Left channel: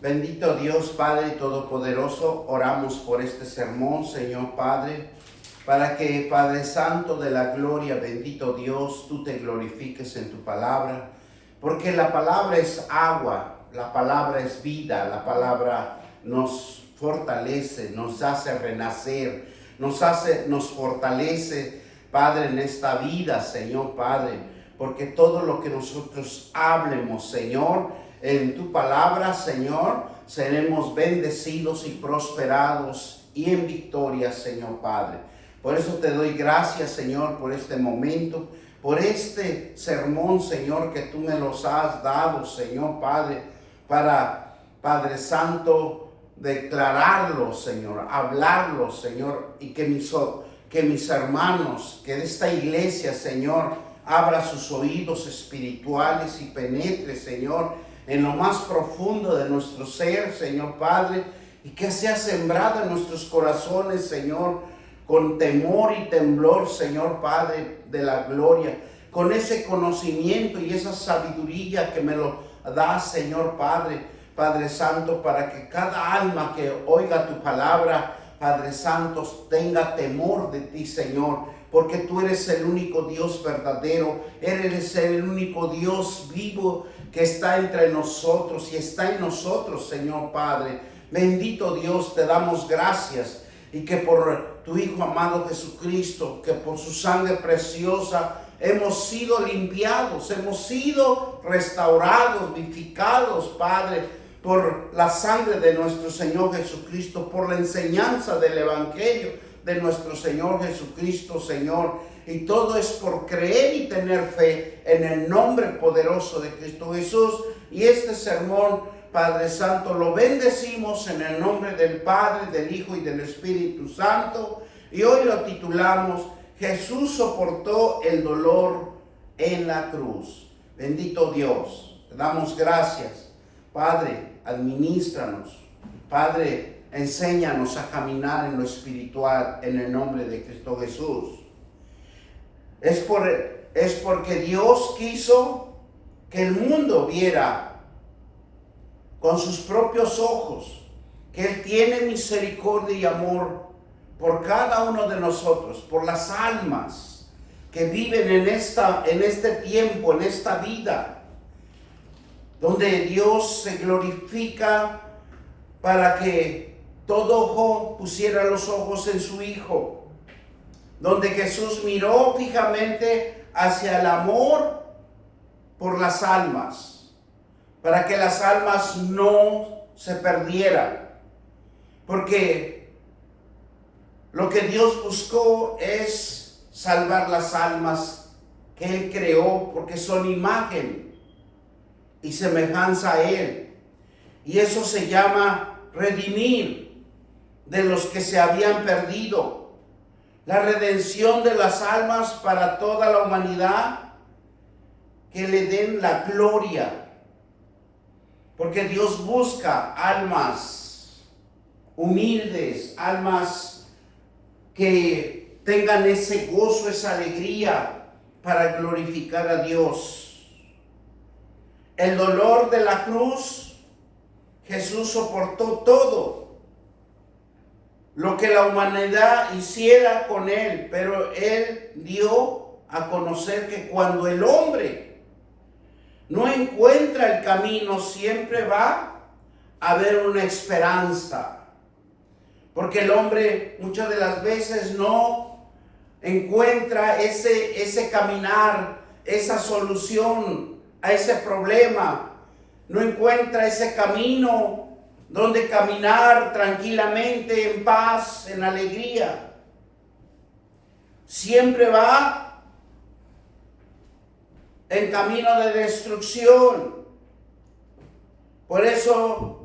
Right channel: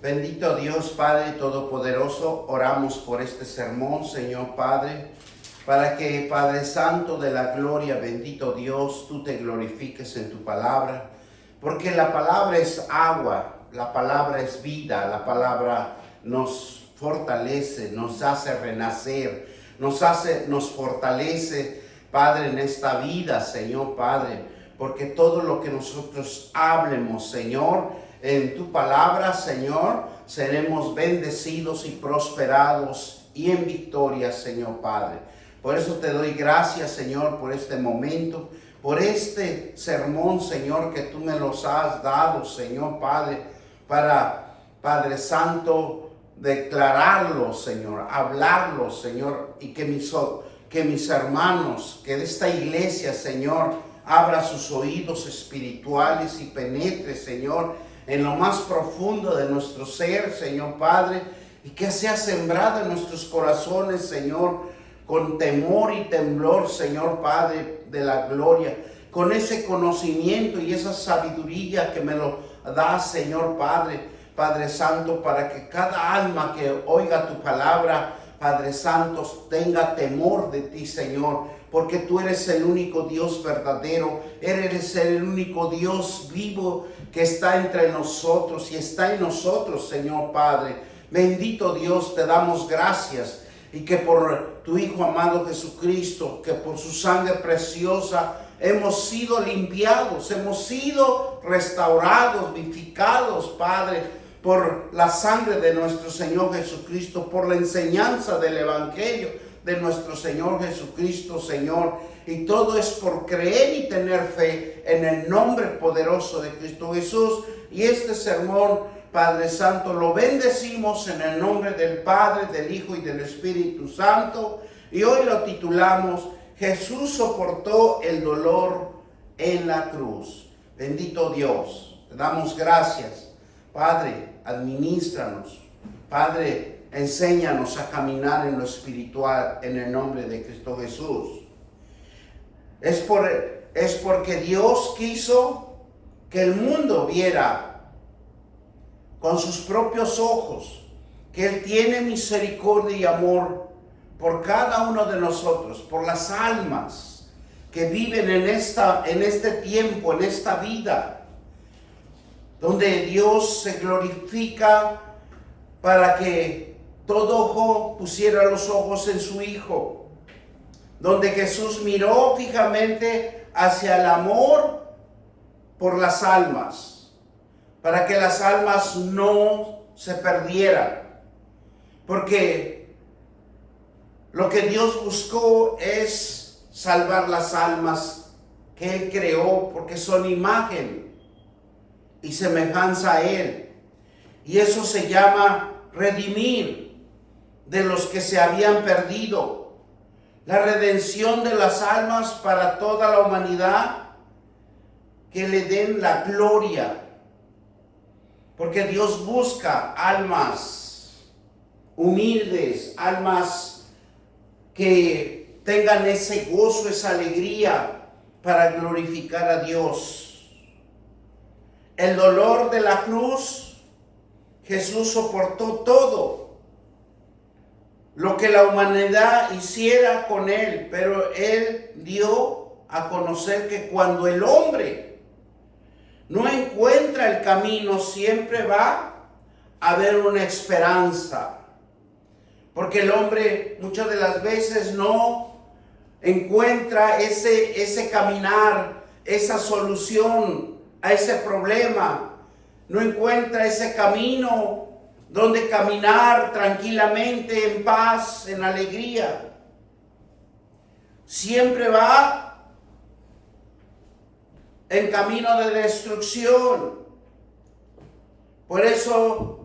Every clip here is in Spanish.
Bendito Dios, Padre Todopoderoso, oramos por este sermón, Señor Padre, para que, Padre Santo de la gloria, bendito Dios, tú te glorifiques en tu palabra, porque la palabra es agua, la palabra es vida, la palabra nos fortalece, nos hace renacer, nos fortalece, Padre, en esta vida, Señor Padre, porque todo lo que nosotros hablemos, Señor, en tu palabra, Señor, seremos bendecidos y prosperados y en victoria, Señor Padre. Por eso te doy gracias, Señor, por este momento, por este sermón, Señor, que tú me los has dado, Señor Padre, para, Padre Santo, declararlo, Señor, hablarlo, Señor, y que mis hermanos, que de esta iglesia, Señor, abra sus oídos espirituales y penetre, Señor, en lo más profundo de nuestro ser, Señor Padre, y que sea sembrada en nuestros corazones, Señor, con temor y temblor, Señor Padre de la gloria, con ese conocimiento y esa sabiduría que me lo da, Señor Padre, Padre Santo, para que cada alma que oiga tu palabra, Padre Santo, tenga temor de ti, Señor, porque tú eres el único Dios verdadero, eres el único Dios vivo que está entre nosotros y está en nosotros, Señor Padre. Bendito Dios, te damos gracias y que por tu Hijo amado Jesucristo, que por su sangre preciosa hemos sido limpiados, hemos sido restaurados, vivificados, Padre, por la sangre de nuestro Señor Jesucristo, por la enseñanza del Evangelio de nuestro Señor Jesucristo, Señor. Y todo es por creer y tener fe en el nombre poderoso de Cristo Jesús. Y este sermón, Padre Santo, lo bendecimos en el nombre del Padre, del Hijo y del Espíritu Santo. Y hoy lo titulamos: Jesús soportó el dolor en la cruz. Bendito Dios, te damos gracias. Padre, administranos. Padre, enséñanos a caminar en lo espiritual en el nombre de Cristo Jesús. Es porque Dios quiso que el mundo viera con sus propios ojos que Él tiene misericordia y amor por cada uno de nosotros, por las almas que viven en este tiempo, en esta vida, donde Dios se glorifica para que todo ojo pusiera los ojos en su Hijo, donde Jesús miró fijamente hacia el amor por las almas, para que las almas no se perdieran, porque lo que Dios buscó es salvar las almas que Él creó, porque son imagen y semejanza a Él, y eso se llama redimir de los que se habían perdido, la redención de las almas para toda la humanidad, que le den la gloria, porque Dios busca almas humildes, almas que tengan ese gozo, esa alegría para glorificar a Dios. El dolor de la cruz, Jesús soportó todo lo que la humanidad hiciera con Él, pero Él dio a conocer que cuando el hombre no encuentra el camino, siempre va a haber una esperanza, porque el hombre muchas de las veces no encuentra ese caminar, esa solución a ese problema, no encuentra ese camino donde caminar tranquilamente, en paz, en alegría. Siempre va en camino de destrucción. Por eso,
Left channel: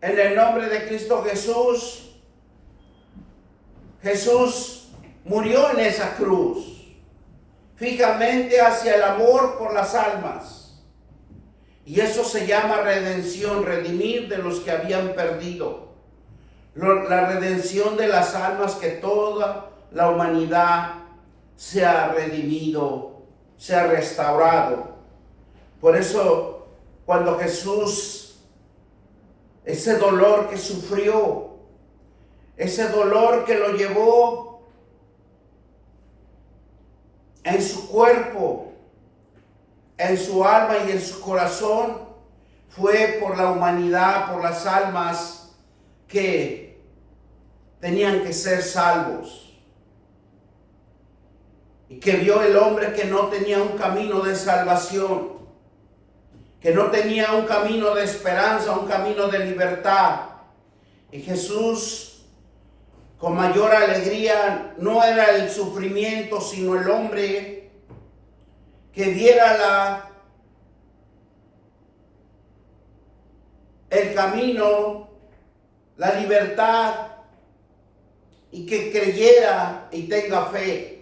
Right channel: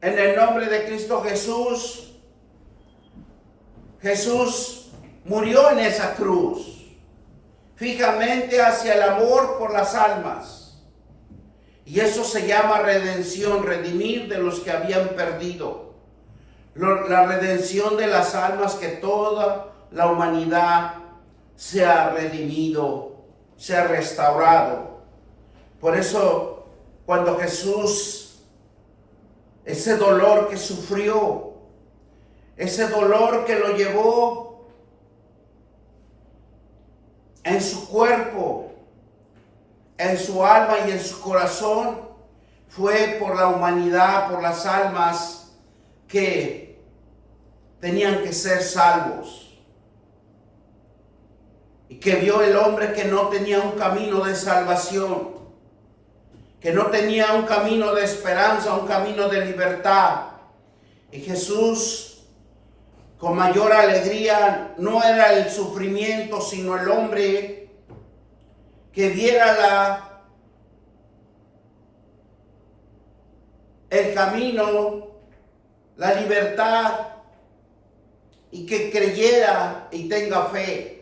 en el nombre de Cristo Jesús, Jesús murió en esa cruz, fijamente hacia el amor por las almas. Y eso se llama redención, redimir de los que habían perdido. La redención de las almas, que toda la humanidad sea redimido, sea restaurado. Por eso, cuando Jesús ese dolor que sufrió, ese dolor que lo llevó en su cuerpo, en su alma y en su corazón, fue por la humanidad, por las almas que tenían que ser salvos. Y que vio el hombre que no tenía un camino de salvación, que no tenía un camino de esperanza, un camino de libertad. Y Jesús, con mayor alegría, no era el sufrimiento, sino el hombre que diera el camino, la libertad, y que creyera y tenga fe.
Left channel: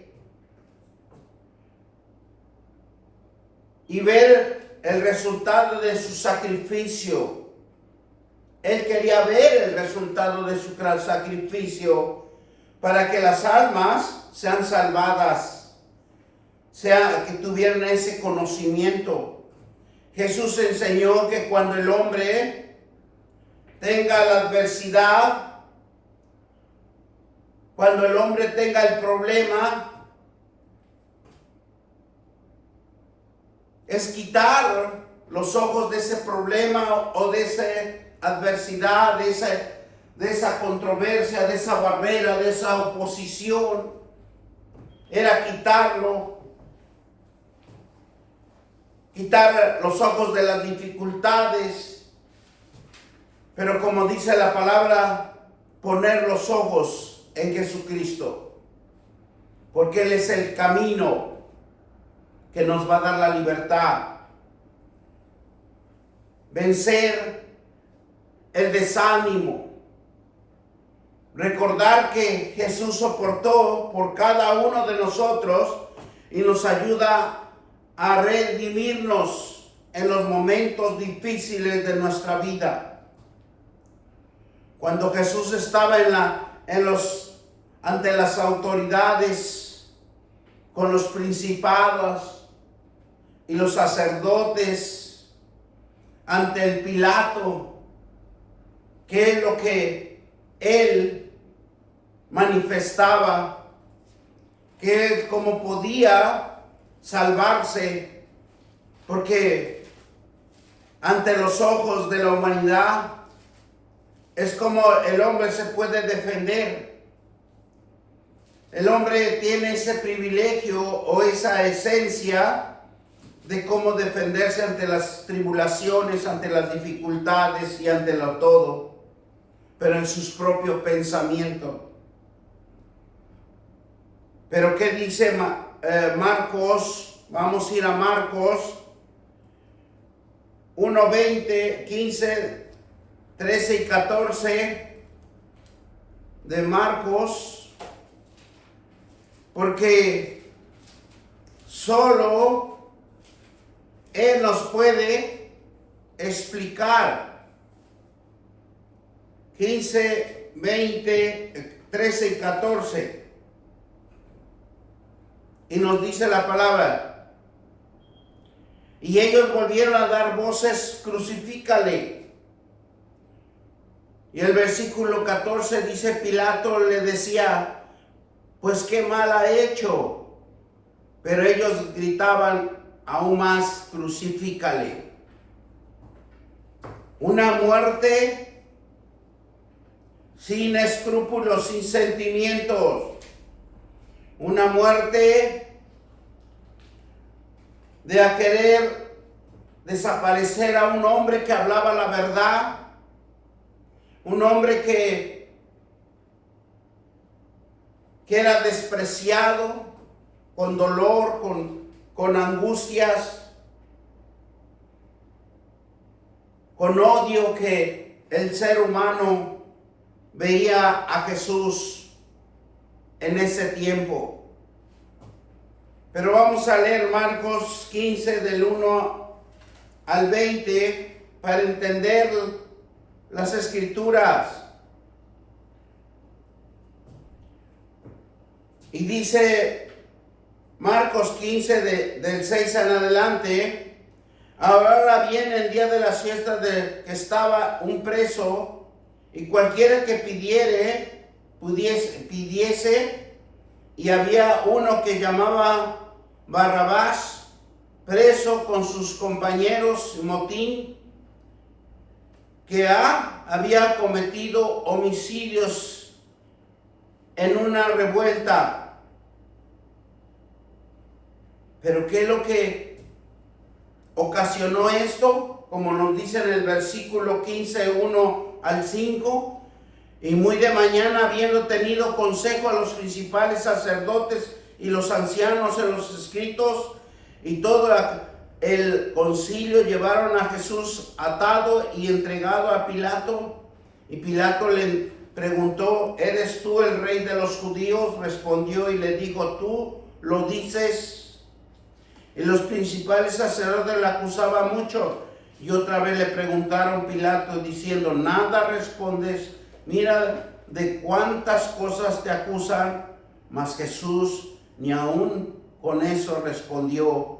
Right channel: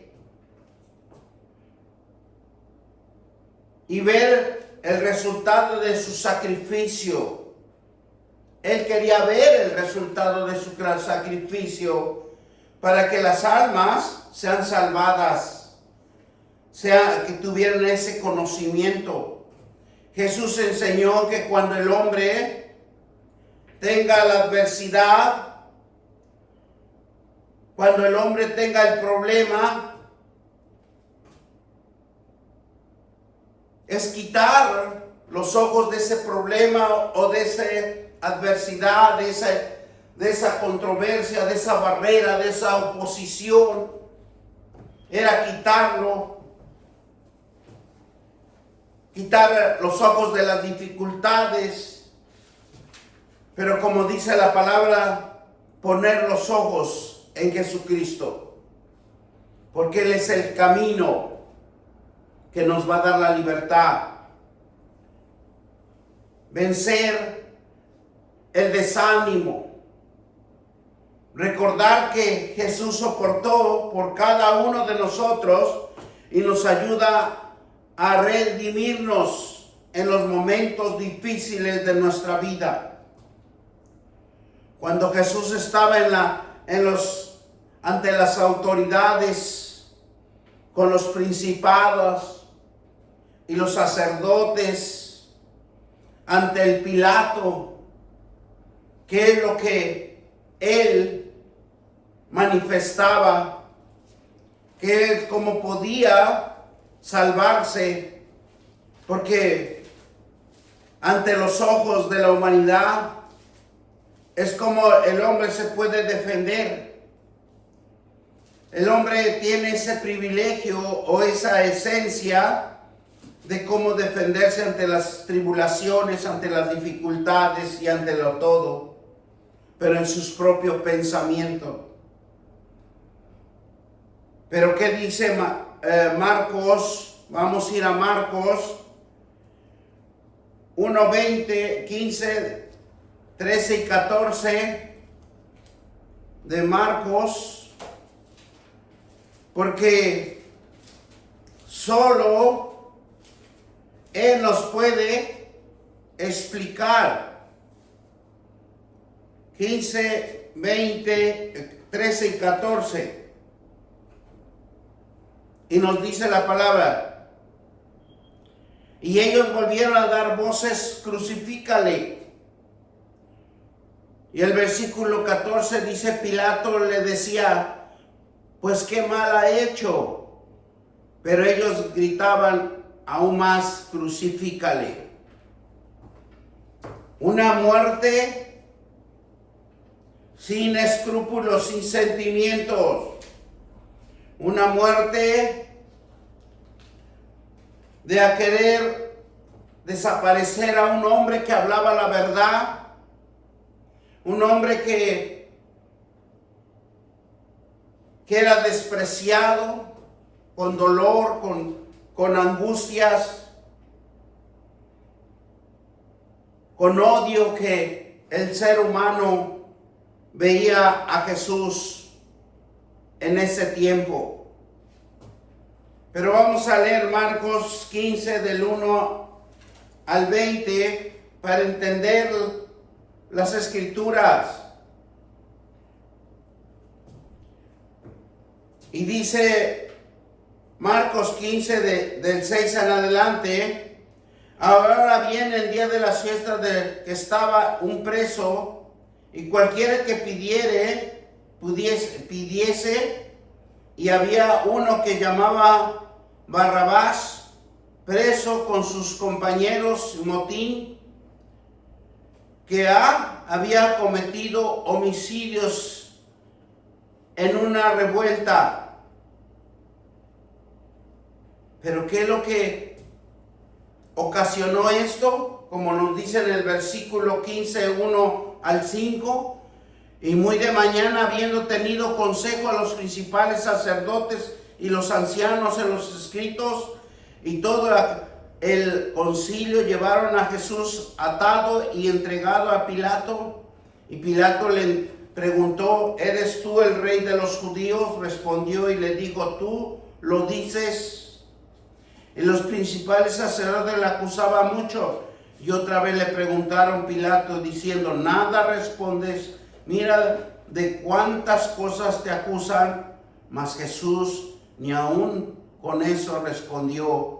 Y ver el resultado de su sacrificio. Él quería ver el resultado de su gran sacrificio para que las almas sean salvadas, que tuvieran ese conocimiento. Jesús enseñó que cuando el hombre tenga la adversidad, cuando el hombre tenga el problema, es quitar los ojos de ese problema o de esa adversidad, de esa controversia, de esa barrera, de esa oposición. Era quitarlo, quitar los ojos de las dificultades. Pero como dice la palabra, poner los ojos en Jesucristo, porque Él es el camino que nos va a dar la libertad. Vencer el desánimo. Recordar que Jesús soportó por cada uno de nosotros y nos ayuda a redimirnos en los momentos difíciles de nuestra vida. Cuando Jesús estaba ante las autoridades, con los principados y los sacerdotes, ante el Pilato, ¿qué es lo que él manifestaba? Que cómo podía salvarse, porque ante los ojos de la humanidad es como el hombre se puede defender. El hombre tiene ese privilegio o esa esencia de cómo defenderse ante las tribulaciones, ante las dificultades y ante lo todo, pero en sus propios pensamientos. Pero ¿qué dice Marcos? Vamos a ir a Marcos 1, 20, 15, 13 y 14 de Marcos, porque solo Él nos puede explicar. 15, 20, 13 y 14. Y nos dice la palabra: y ellos volvieron a dar voces, crucifícale. Y el versículo 14 dice: Pilato le decía, pues qué mal ha hecho. Pero ellos gritaban aún más: crucifícale. Una muerte sin escrúpulos, sin sentimientos. Una muerte de a querer desaparecer a un hombre que hablaba la verdad. Un hombre que era despreciado, con dolor, con angustias, con odio, que el ser humano veía a Jesús en ese tiempo. Pero vamos a leer Marcos 15 del 1 al 20 para entender las escrituras. Y dice Marcos 15 del 6 en adelante: Ahora viene el día de las fiestas de que estaba un preso, y cualquiera que pidiese, y había uno que llamaba Barrabás, preso con sus compañeros motín, que había cometido homicidios en una revuelta. Pero ¿qué es lo que ocasionó esto? Como nos dice en el versículo 15, 1 al 5. Y muy de mañana, habiendo tenido consejo a los principales sacerdotes y los ancianos en los escritos, y todo el concilio, llevaron a Jesús atado y entregado a Pilato. Y Pilato le preguntó: ¿eres tú el rey de los judíos? Respondió y le dijo: tú lo dices. Y los principales sacerdotes le acusaban mucho. Y otra vez le preguntaron Pilato diciendo: ¿nada respondes? Mira de cuántas cosas te acusan. Mas Jesús ni aun con eso respondió,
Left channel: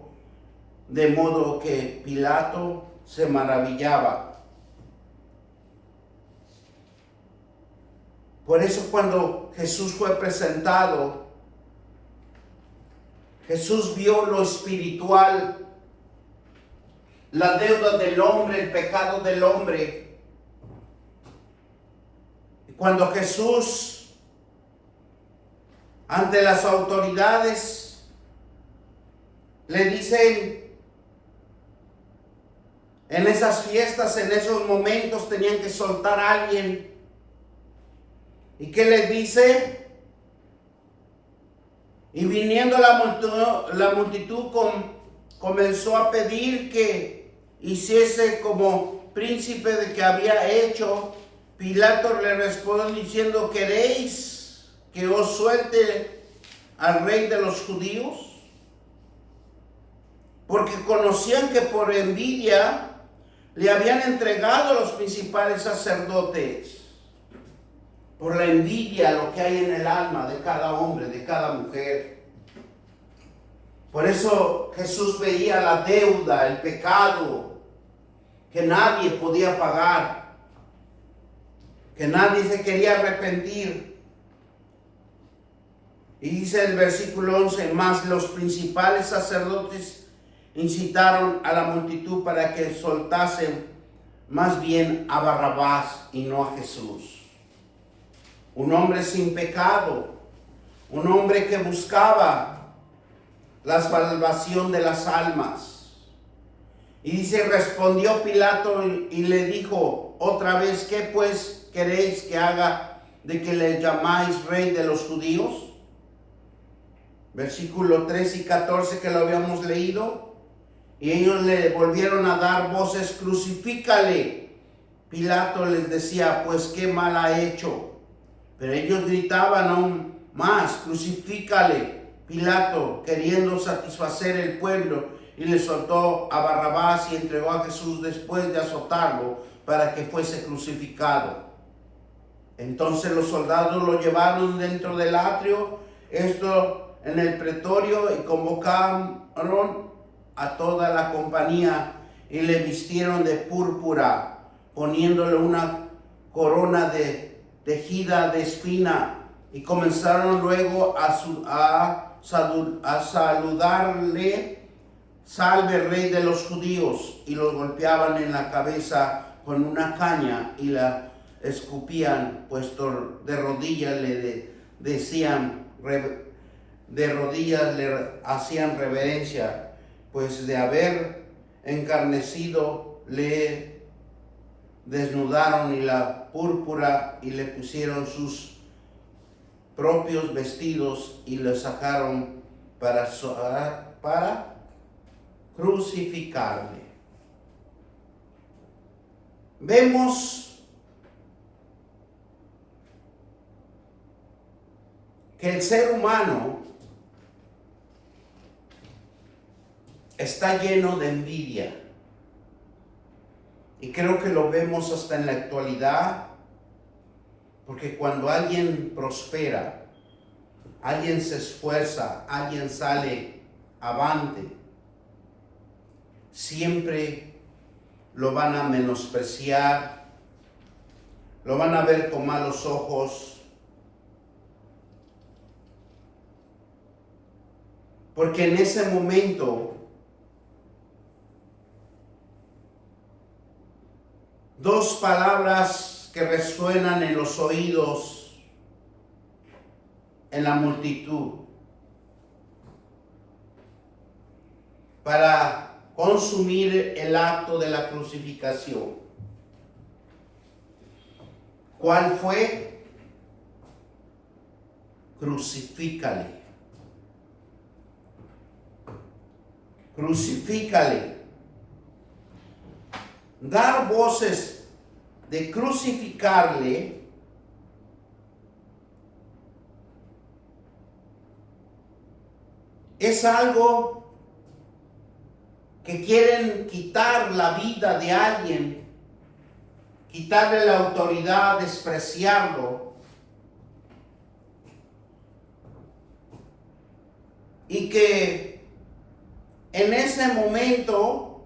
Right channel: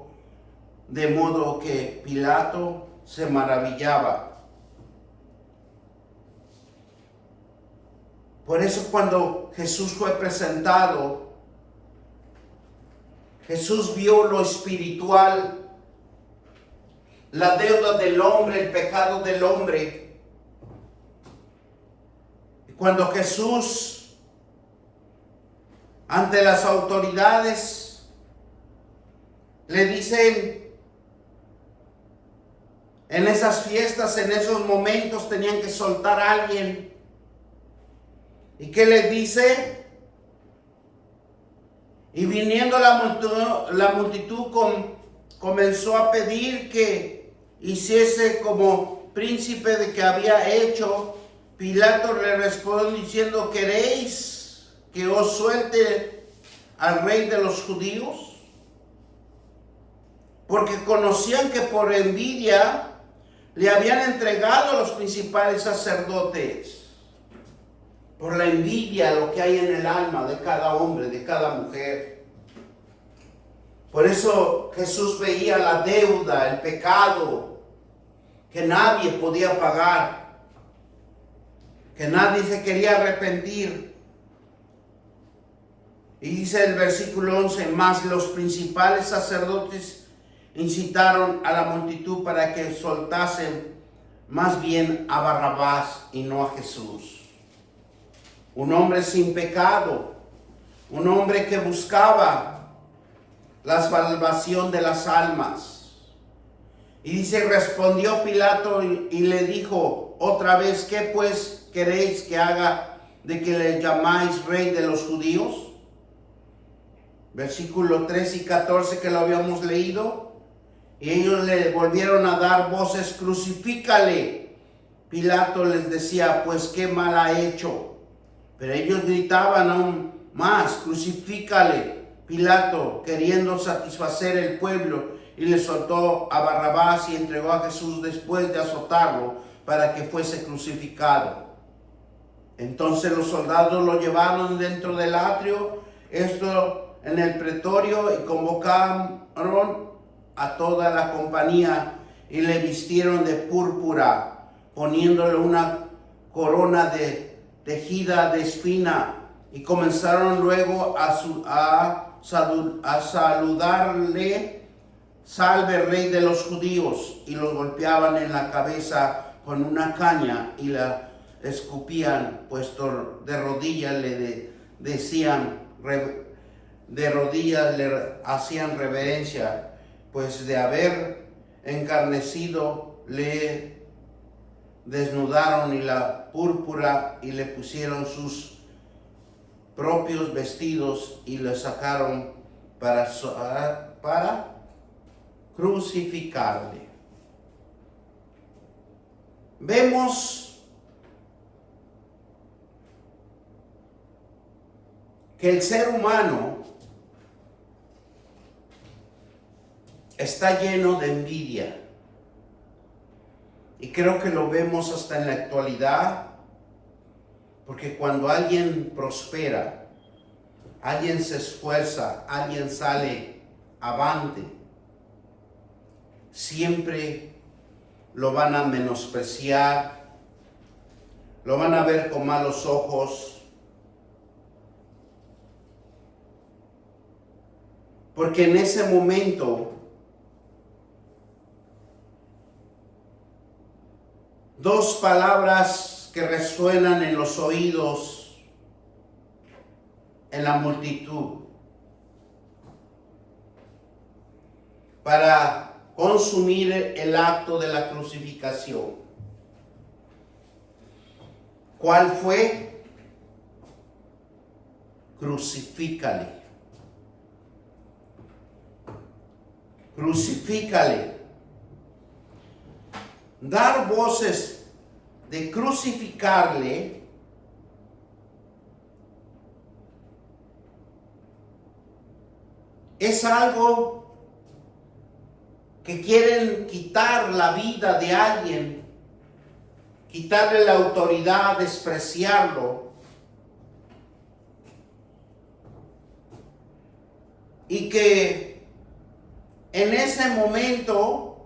de modo que Pilato se maravillaba. Por eso cuando Jesús fue presentado, Jesús vio lo espiritual, la deuda del hombre, el pecado del hombre. Y cuando Jesús, ante las autoridades, le dicen, en esas fiestas, en esos momentos, tenían que soltar a alguien. ¿Y qué les dice? Y viniendo la multitud comenzó a pedir que hiciese como príncipe de que había hecho. Pilato le respondió diciendo: ¿queréis que os suelte al rey de los judíos? Porque conocían que por envidia le habían entregado a los principales sacerdotes. Por la envidia, lo que hay en el alma de cada hombre, de cada mujer. Por eso Jesús veía la deuda, el pecado, que nadie podía pagar, que nadie se quería arrepentir. Y dice el versículo 11, mas los principales sacerdotes incitaron a la multitud para que soltasen más bien a Barrabás y no a Jesús. Un hombre sin pecado, un hombre que buscaba la salvación de las almas. Y dice, respondió Pilato y le dijo otra vez: ¿qué pues queréis que haga de que le llamáis rey de los judíos? Versículo 13 y 14 que lo habíamos leído. Y ellos le volvieron a dar voces: crucifícale. Pilato les decía: pues qué mal ha hecho. Pero ellos gritaban aún más: crucifícale. Pilato, queriendo satisfacer el pueblo, y le soltó a Barrabás y entregó a Jesús después de azotarlo para que fuese crucificado. Entonces los soldados lo llevaron dentro del atrio, esto en el pretorio, y convocaron a toda la compañía y le vistieron de púrpura, poniéndole una corona de tejida de espina, y comenzaron luego a saludarle: salve rey de los judíos, y los golpeaban en la cabeza con una caña y la escupían, puesto de rodillas le decían, de rodillas le hacían reverencia, pues de haber encarnecido le desnudaron y la púrpura, y le pusieron sus propios vestidos y lo sacaron para crucificarle. Vemos que el ser humano está lleno de envidia. Y creo que lo vemos hasta en la actualidad, porque cuando alguien prospera, alguien se esfuerza, alguien sale avante, siempre lo van a menospreciar, lo van a ver con malos ojos, porque en ese momento dos palabras que resuenan en los oídos en la multitud para consumir el acto de la crucificación. ¿Cuál fue? Crucifícale. Crucifícale. Dar voces de crucificarle es algo que quieren quitar la vida de alguien, quitarle la autoridad, despreciarlo. Y que en ese momento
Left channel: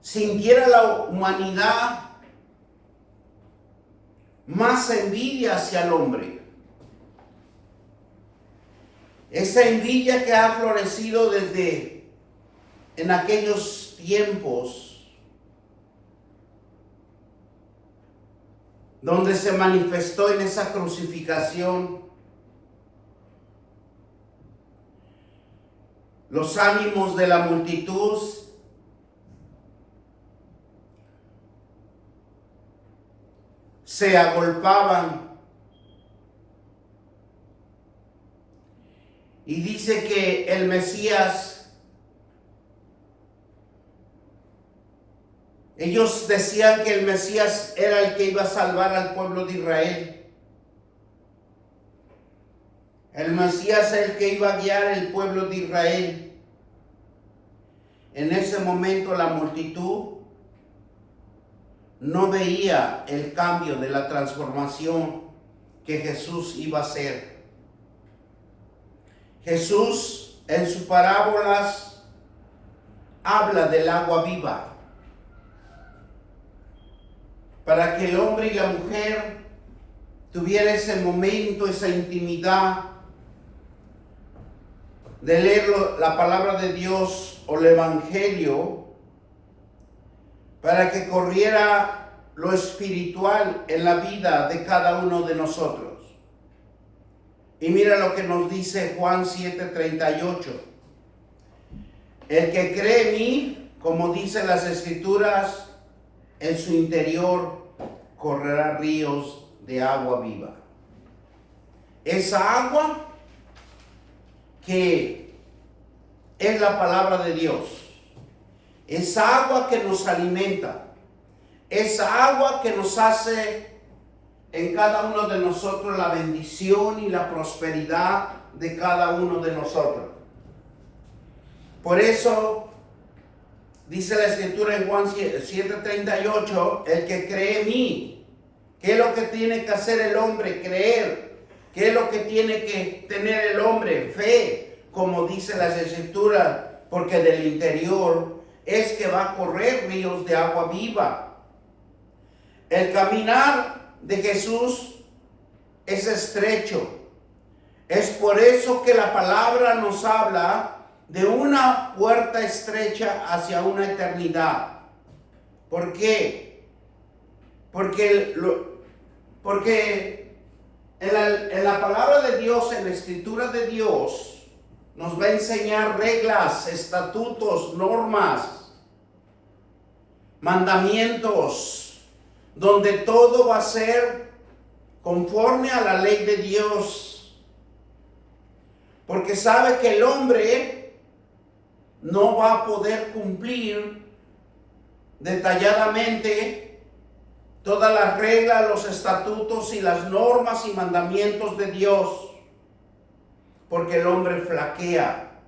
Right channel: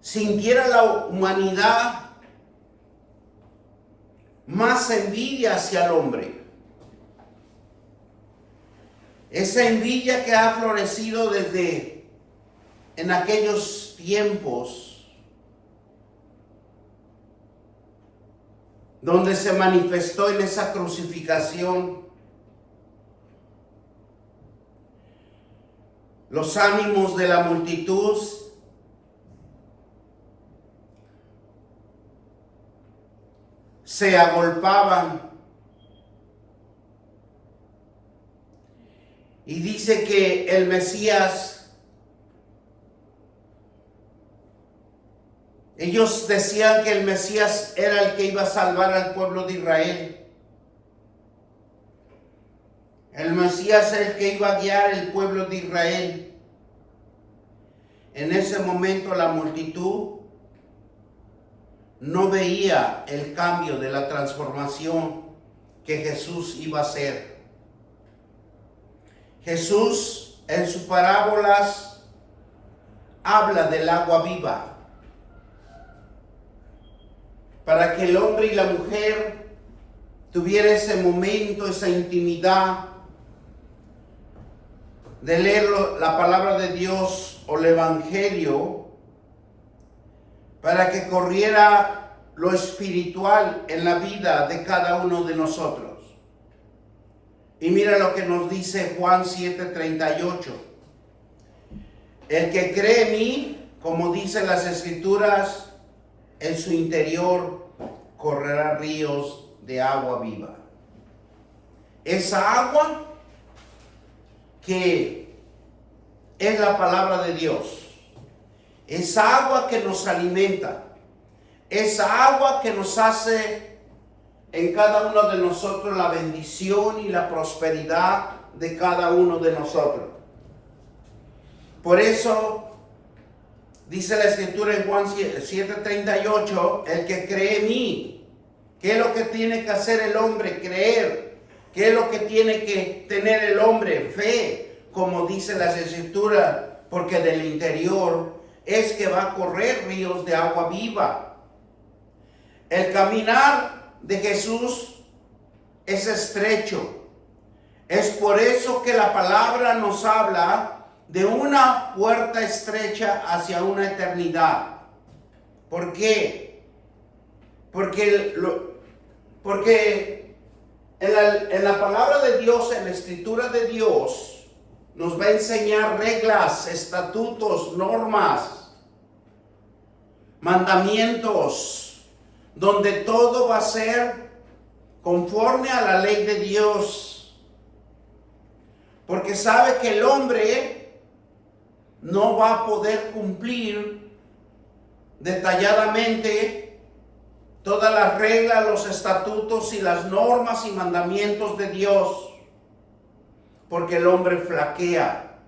sintiera la humanidad más envidia hacia el hombre. Esa envidia que ha florecido desde en aquellos tiempos, donde se manifestó en esa crucificación. Los ánimos de la multitud se agolpaban. Y dice que el Mesías, ellos decían que el Mesías era el que iba a salvar al pueblo de Israel. El Mesías es el que iba a guiar el pueblo de Israel. En ese momento la multitud no veía el cambio de la transformación que Jesús iba a hacer. Jesús en sus parábolas habla del agua viva, para que el hombre y la mujer tuvieran ese momento, esa intimidad de leer la palabra de Dios o el Evangelio, para que corriera lo espiritual en la vida de cada uno de nosotros. Y mira lo que nos dice Juan 7:38. El que cree en mí, como dicen las Escrituras, en su interior correrá ríos de agua viva. Esa agua que es la palabra de Dios. Esa agua que nos alimenta. Esa agua que nos hace en cada uno de nosotros la bendición y la prosperidad de cada uno de nosotros. Por eso dice la Escritura en Juan 7:38, el que cree en mí. ¿Qué es lo que tiene que hacer el hombre? Creer. ¿Qué es lo que tiene que tener el hombre? Fe, como dice la Escritura, porque del interior es que va a correr ríos de agua viva. El caminar de Jesús es estrecho. Es por eso que la palabra nos habla de una puerta estrecha hacia una eternidad. ¿Por qué? Porque en la palabra de Dios, en la Escritura de Dios, nos va a enseñar reglas, estatutos, normas, mandamientos, donde todo va a ser conforme a la ley de Dios. Porque sabe que el hombre no va a poder cumplir detalladamente todas las reglas, los estatutos y las normas y mandamientos de Dios, porque el hombre flaquea.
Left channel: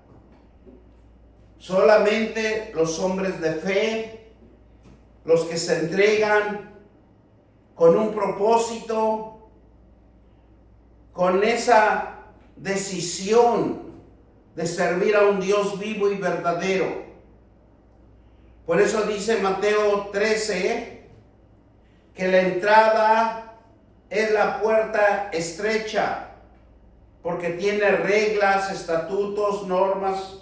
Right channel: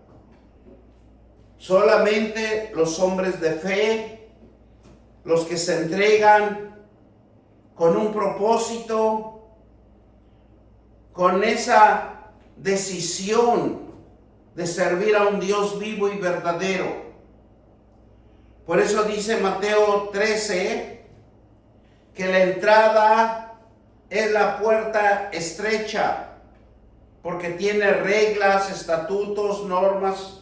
Solamente los hombres de fe, los que se entregan con un propósito, con esa decisión de servir a un Dios vivo y verdadero. Por eso dice Mateo 13 que la entrada es la puerta estrecha, porque tiene reglas, estatutos, normas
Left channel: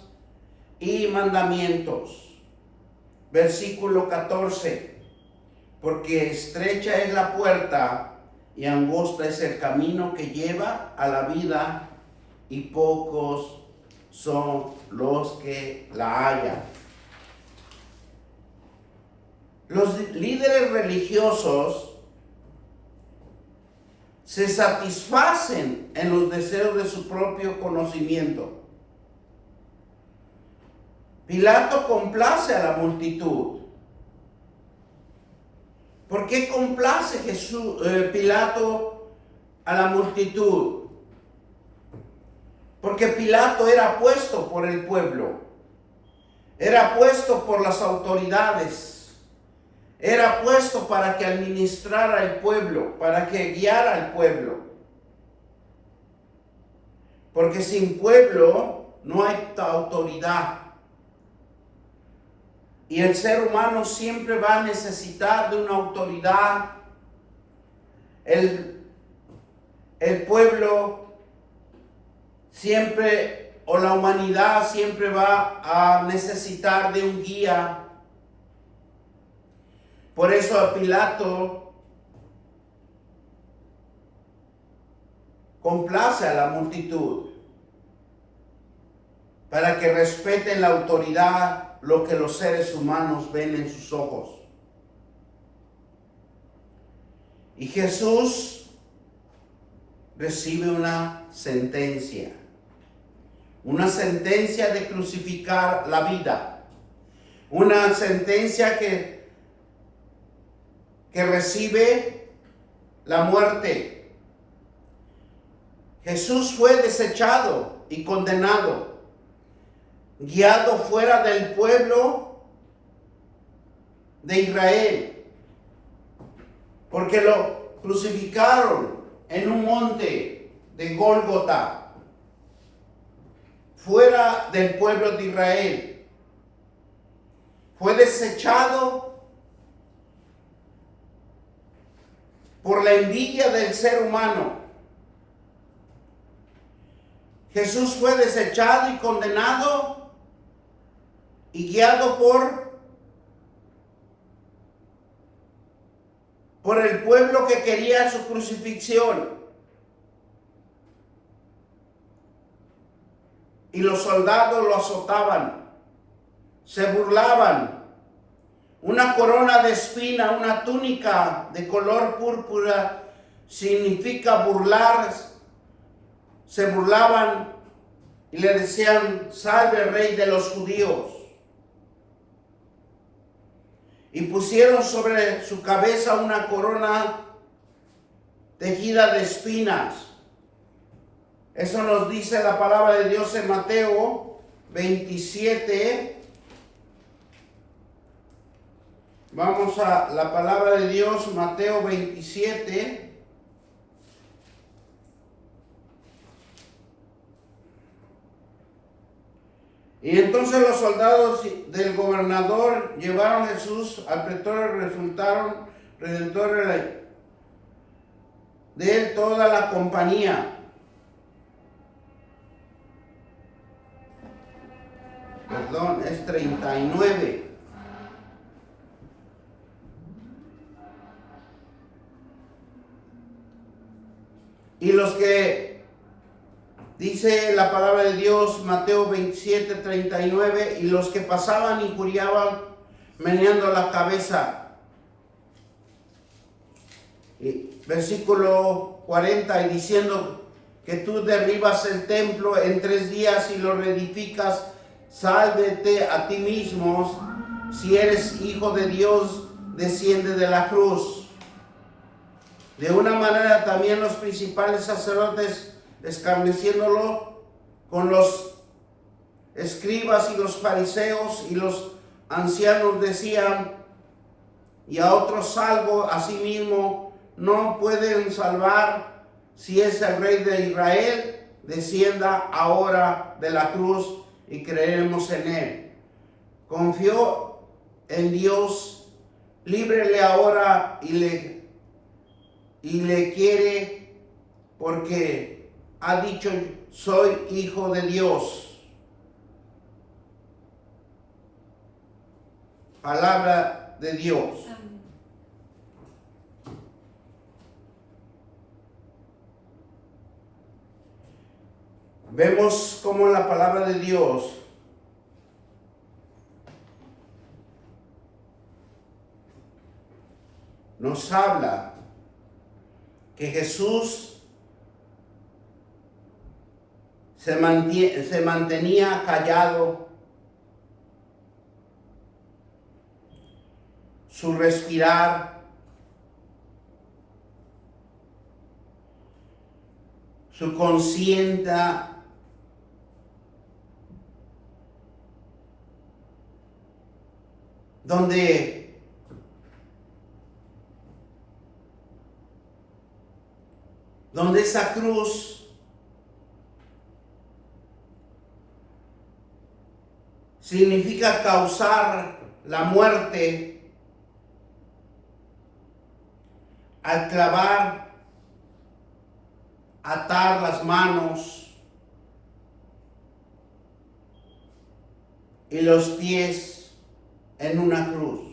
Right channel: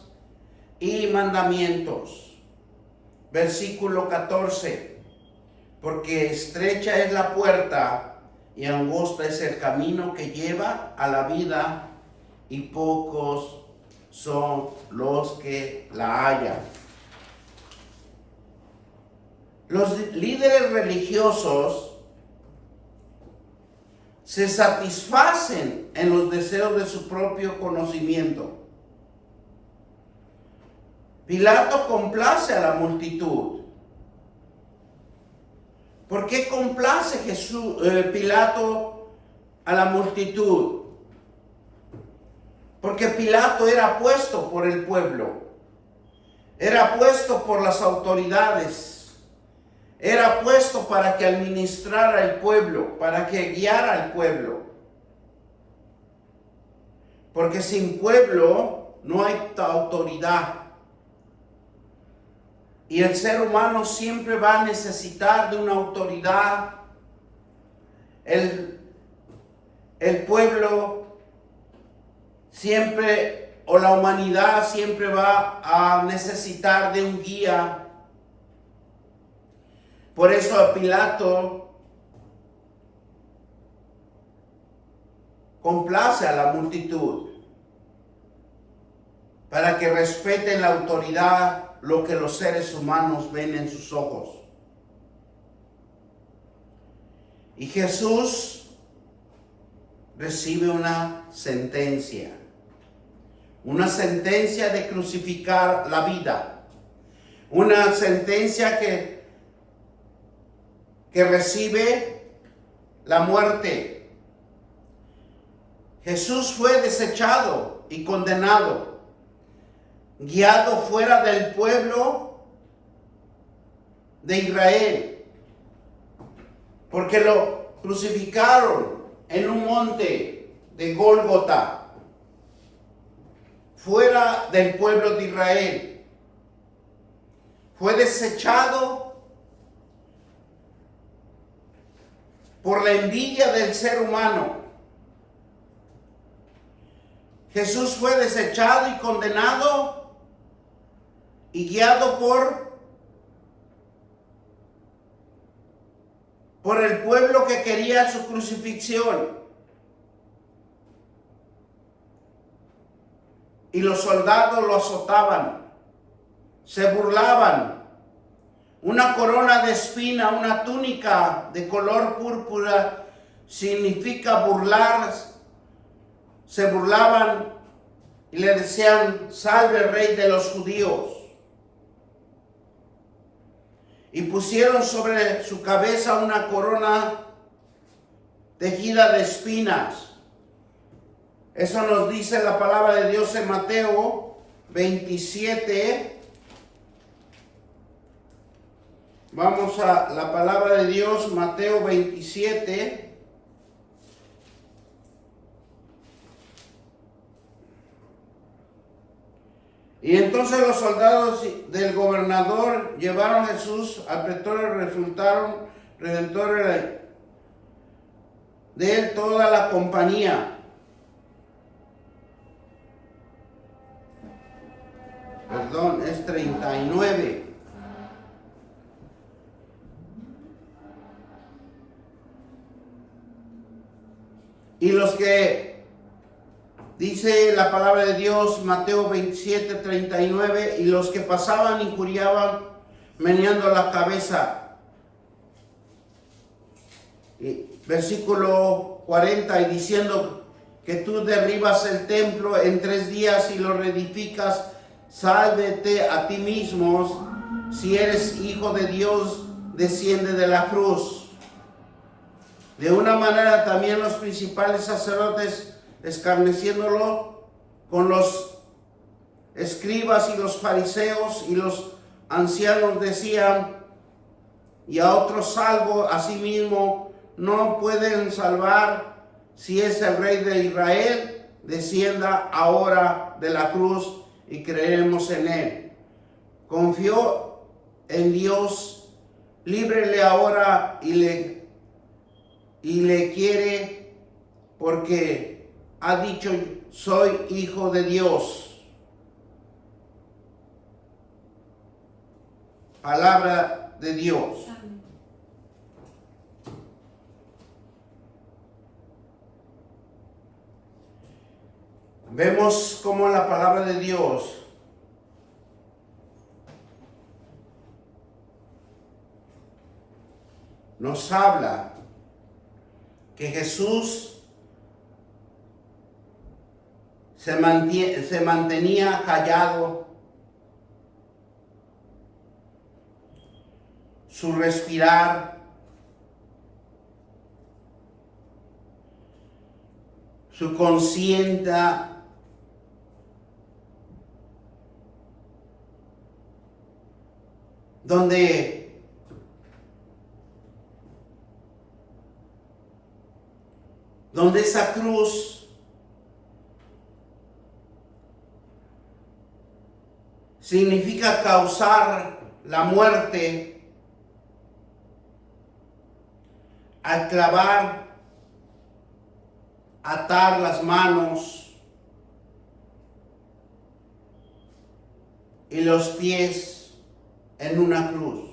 y mandamientos. Versículo 14, porque estrecha es la puerta y angosta es el camino que lleva a la vida, y pocos son los que la hallan. Los líderes religiosos se satisfacen en los deseos de su propio conocimiento. Pilato complace a la multitud. ¿Por qué complace Pilato a la multitud? Porque Pilato era puesto por el pueblo, era puesto por las autoridades, era puesto para que administrara el pueblo, para que guiara al pueblo. Porque sin pueblo no hay autoridad. Y el ser humano siempre va a necesitar de una autoridad. El pueblo siempre, o la humanidad siempre va a necesitar de un guía. Por eso a Pilato complace a la multitud, para que respeten la autoridad, lo que los seres humanos ven en sus ojos. Y Jesús recibe una sentencia de crucificar la vida, una sentencia que recibe la muerte. Jesús fue desechado y condenado, guiado fuera del pueblo de Israel, porque lo crucificaron en un monte de Gólgota, fuera del pueblo de Israel. Fue desechado por la envidia del ser humano. Jesús fue desechado y condenado y guiado por el pueblo que quería su crucifixión. Y los soldados lo azotaban, se burlaban. Una corona de espina, una túnica de color púrpura significa burlar. Se burlaban y le decían: salve el rey de los judíos. Y pusieron sobre su cabeza una corona tejida de espinas. Eso nos dice la palabra de Dios en Mateo 27. Vamos a la palabra de Dios, Mateo 27. Y entonces los soldados del gobernador llevaron a Jesús al pretorio, resultaron redentores de él toda la compañía. Perdón, es 39. Y los que, dice la palabra de Dios, Mateo 27, 39, y los que pasaban injuriaban, meneando la cabeza. Y versículo 40, y diciendo que tú derribas el templo en 3 días y lo reedificas, sálvete a ti mismo. Si eres hijo de Dios, desciende de la cruz. De una manera también los principales sacerdotes, escarneciéndolo con los escribas y los fariseos y los ancianos, decían: y a otros salvo, a sí mismo no pueden salvar. Si es el rey de Israel, descienda ahora de la cruz y creeremos en Él. Confió en Dios, líbrele ahora y le quiere porque ha dicho: soy hijo de Dios. Palabra de Dios. Amén. Vemos cómo la palabra de Dios nos habla que Jesús se mantenía callado, su respirar, su conciencia donde esa cruz significa causar la muerte al clavar, atar las manos y los pies en una cruz.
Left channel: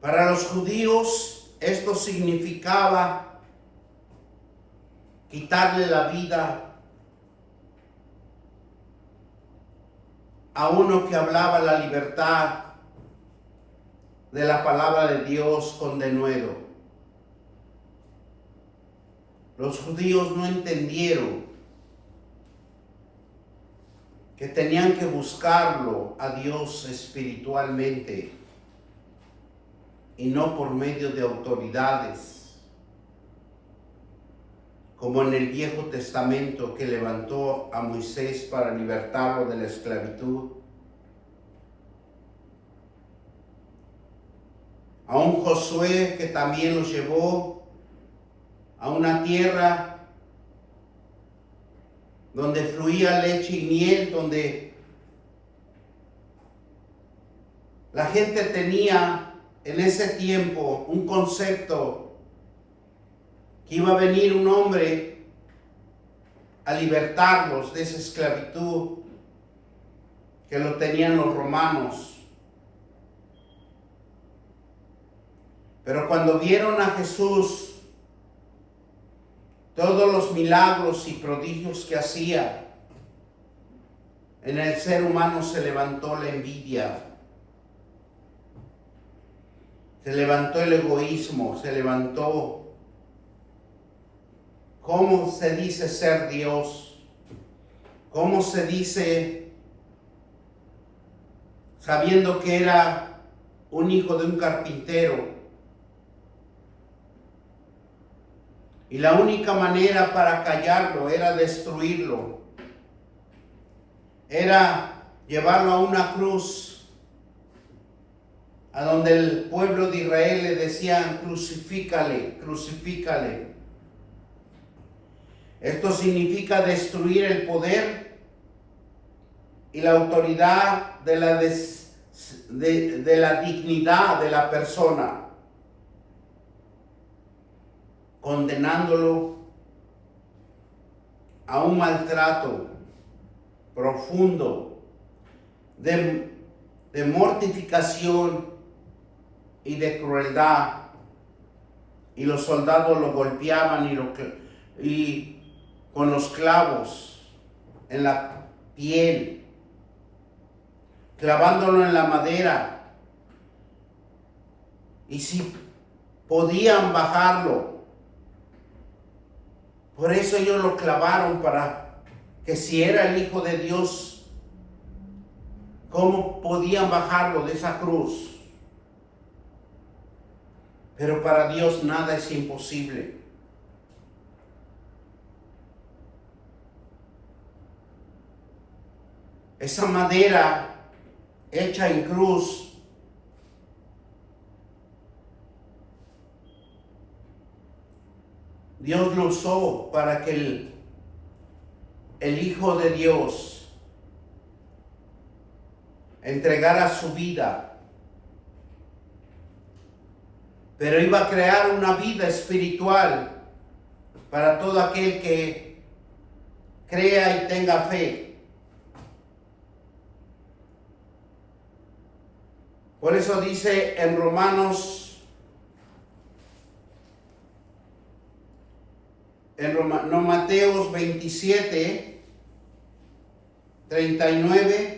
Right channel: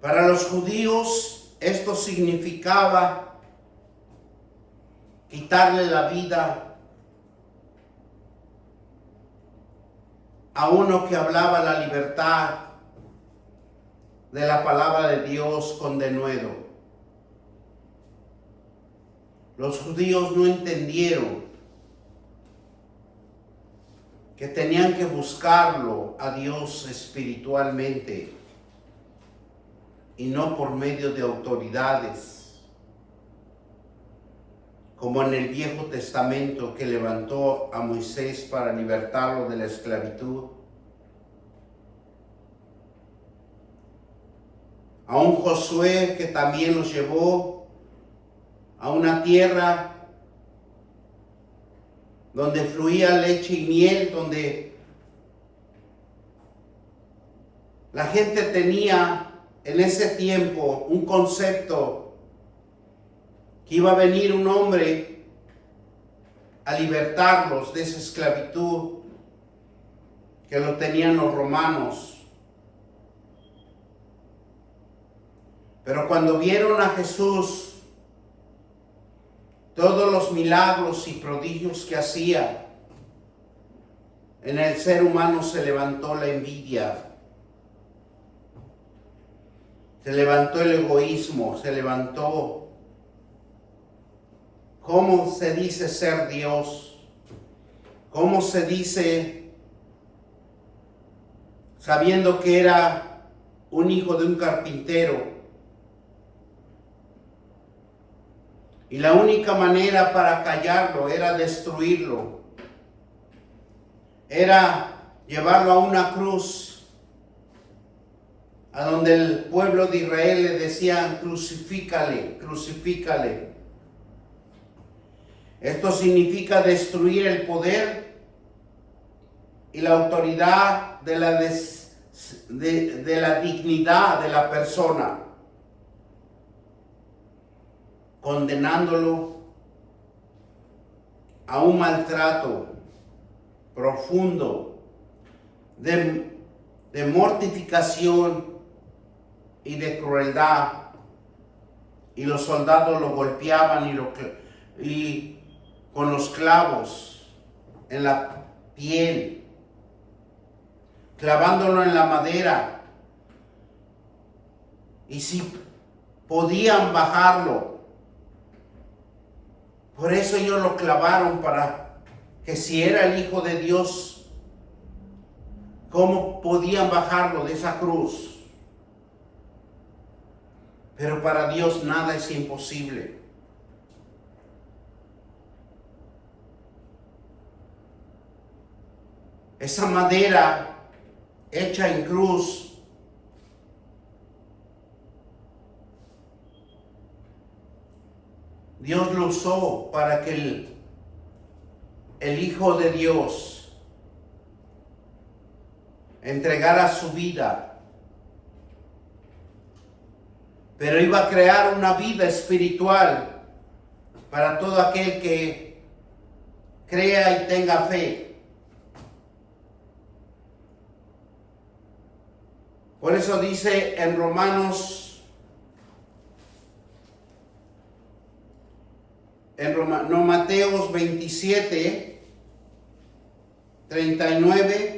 Para los judíos esto significaba quitarle la vida a uno que hablaba la libertad de la palabra de Dios con denuedo. Los judíos no entendieron que tenían que buscarlo a Dios espiritualmente y no por medio de autoridades, como en el Viejo Testamento que levantó a Moisés para libertarlo de la esclavitud, a un Josué que también los llevó a una tierra donde fluía leche y miel, donde la gente tenía en ese tiempo un concepto que iba a venir un hombre a libertarlos de esa esclavitud que lo tenían los romanos. Pero cuando vieron a Jesús, todos los milagros y prodigios que hacía, en el ser humano se levantó la envidia, se levantó el egoísmo, se levantó cómo se dice ser Dios, cómo se dice sabiendo que era un hijo de un carpintero. Y la única manera para callarlo era destruirlo. Era llevarlo a una cruz, a donde el pueblo de Israel le decían: crucifícale, crucifícale. Esto significa destruir el poder y la autoridad de la dignidad de la persona, condenándolo a un maltrato profundo de mortificación y de crueldad. Y los soldados lo golpeaban y con los clavos en la piel, clavándolo en la madera. Y si podían bajarlo, por eso ellos lo clavaron, para que si era el Hijo de Dios, ¿cómo podían bajarlo de esa cruz? Pero para Dios nada es imposible. Esa madera hecha en cruz Dios lo usó para que el Hijo de Dios entregara su vida, pero iba a crear una vida espiritual para todo aquel que crea y tenga fe. Por eso dice en Mateos 27, 39,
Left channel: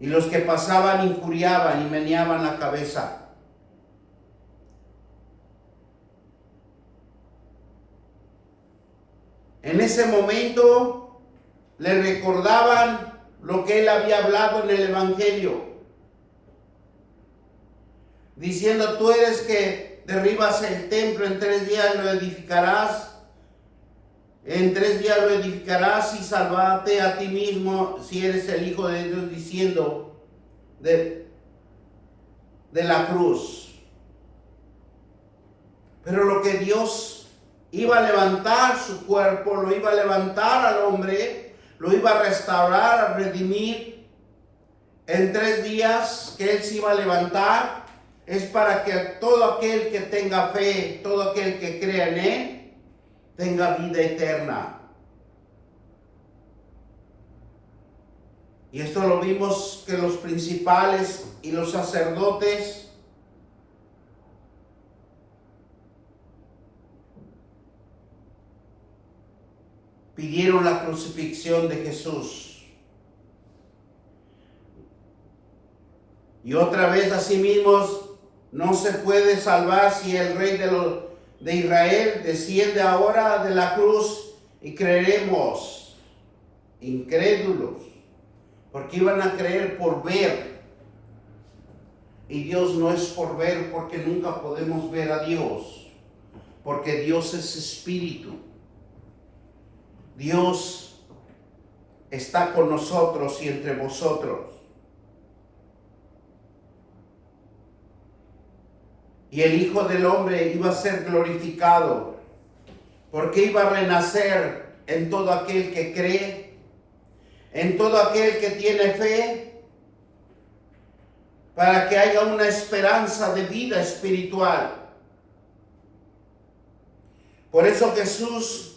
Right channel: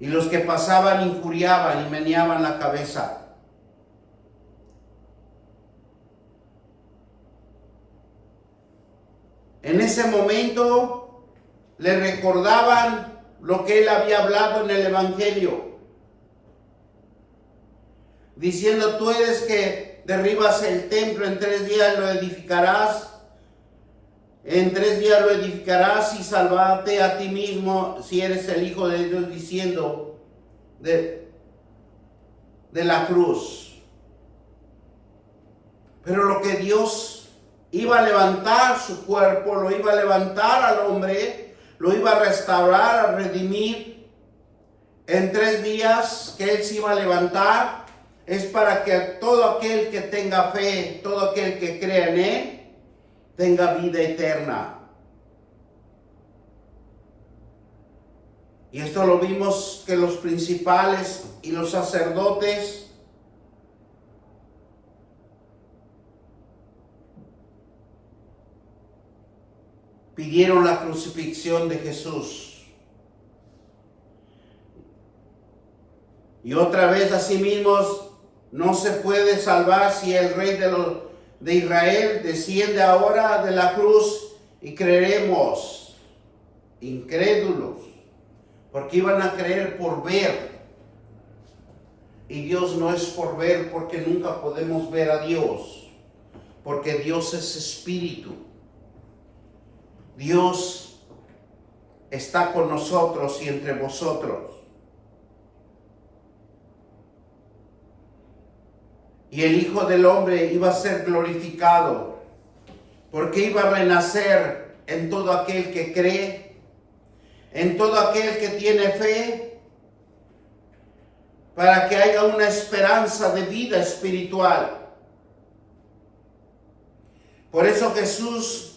y los que pasaban injuriaban y meneaban la cabeza. En ese momento le recordaban lo que él había hablado en el Evangelio, diciendo: tú eres que derribas el templo, en 3 días lo edificarás, en 3 días lo edificarás y salvate a ti mismo si eres el Hijo de Dios, diciendo de la cruz. Pero lo que Dios iba a levantar su cuerpo, lo iba a levantar al hombre, lo iba a restaurar, a redimir en 3 días que él se iba a levantar, es para que todo aquel que tenga fe, todo aquel que crea en él, tenga vida eterna. Y esto lo vimos que los principales y los sacerdotes pidieron la crucifixión de Jesús. Y otra vez, asimismo, no se puede salvar si el rey de Israel desciende ahora de la cruz, y creeremos, incrédulos, porque iban a creer por ver. Y Dios no es por ver, porque nunca podemos ver a Dios, porque Dios es espíritu. Dios está con nosotros y entre vosotros. Y el Hijo del Hombre iba a ser glorificado, porque iba a renacer en todo aquel que cree, en todo aquel que tiene fe, para que haya una esperanza de vida espiritual. Por eso Jesús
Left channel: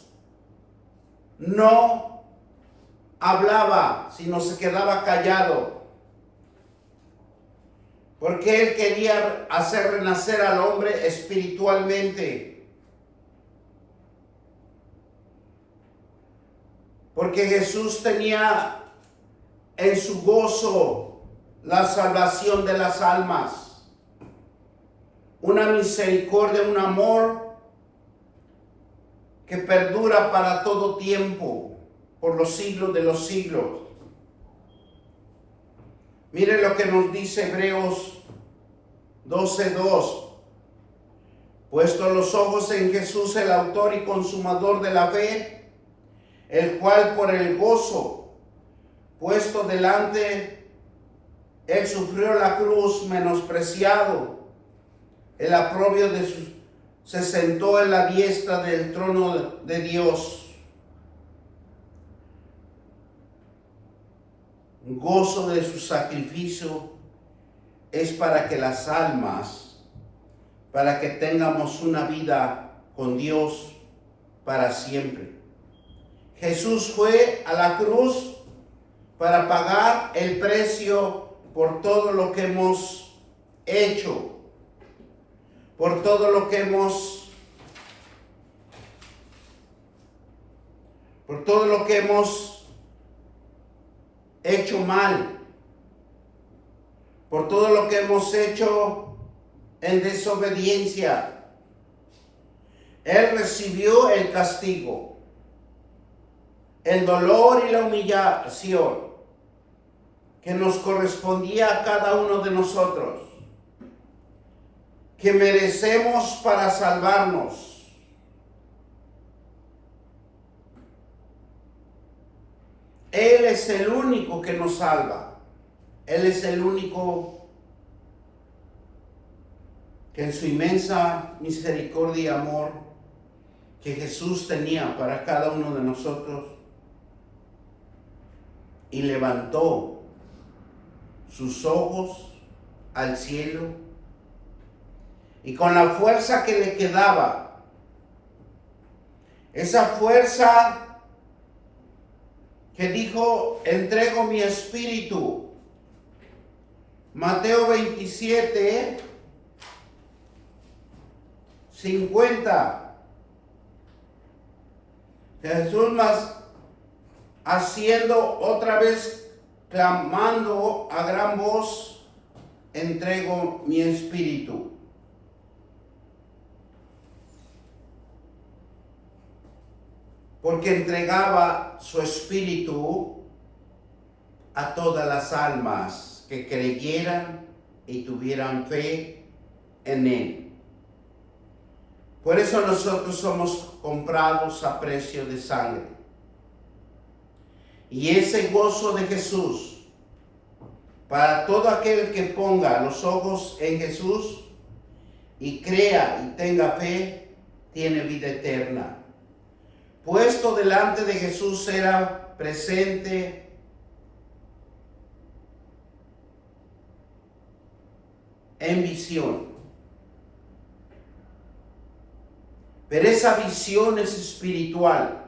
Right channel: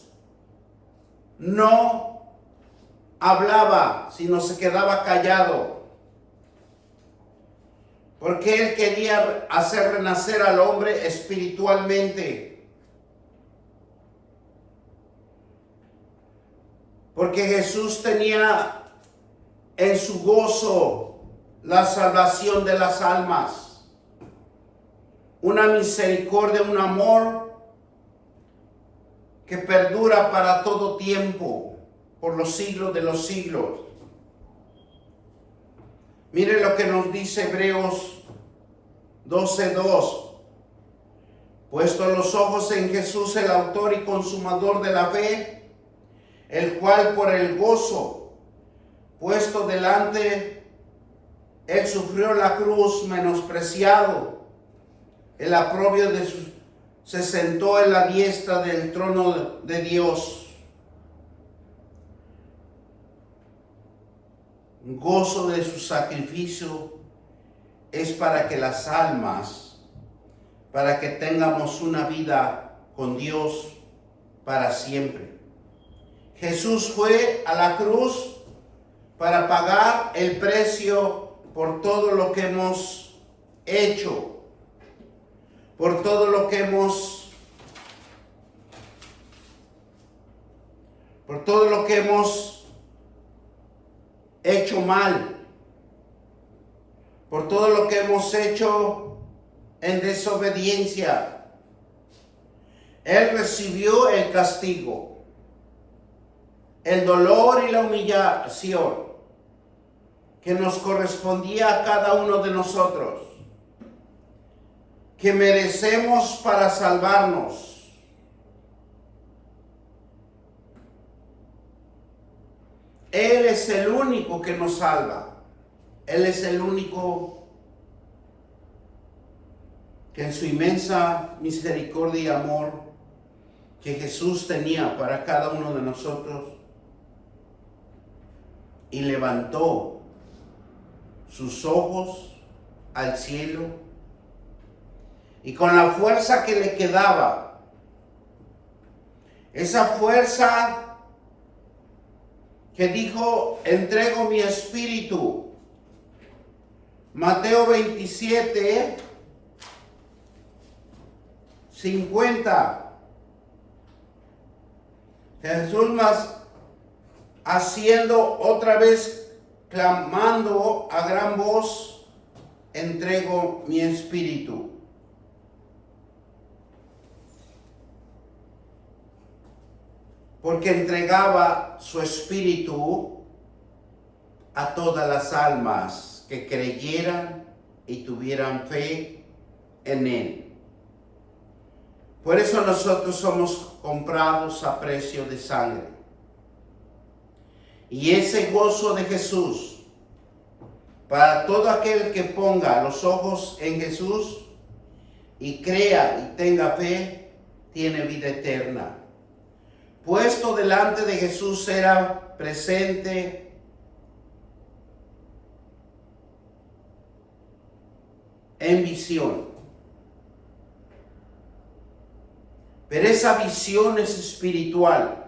no hablaba, sino se quedaba callado, porque él quería hacer renacer al hombre espiritualmente. Porque Jesús tenía en su gozo la salvación de las almas, una misericordia, un amor que perdura para todo tiempo, por los siglos de los siglos. Mire lo que nos dice Hebreos 12:2. Puestos los ojos en Jesús, el autor y consumador de la fe, el cual por el gozo puesto delante, él sufrió la cruz, menospreciado el oprobio de sus, se sentó en la diestra del trono de Dios. Gozo de su sacrificio es para que las almas, para que tengamos una vida con Dios para siempre. Jesús fue a la cruz para pagar el precio por todo lo que hemos hecho, por todo lo que hemos hecho mal, por todo lo que hemos hecho en desobediencia. Él recibió el castigo, el dolor y la humillación que nos correspondía a cada uno de nosotros, que merecemos para salvarnos. Él es el único que nos salva. Él es el único que en su inmensa misericordia y amor que Jesús tenía para cada uno de nosotros, y levantó sus ojos al cielo, y con la fuerza que le quedaba, esa fuerza que dijo, entrego mi espíritu, Mateo 27, 50. Jesús más haciendo otra vez, clamando a gran voz, entrego mi espíritu. Porque entregaba su espíritu a todas las almas que creyeran y tuvieran fe en él. Por eso nosotros somos comprados a precio de sangre. Y ese gozo de Jesús, para todo aquel que ponga los ojos en Jesús y crea y tenga fe, tiene vida eterna. Puesto delante de Jesús era presente en visión. Pero esa visión es espiritual.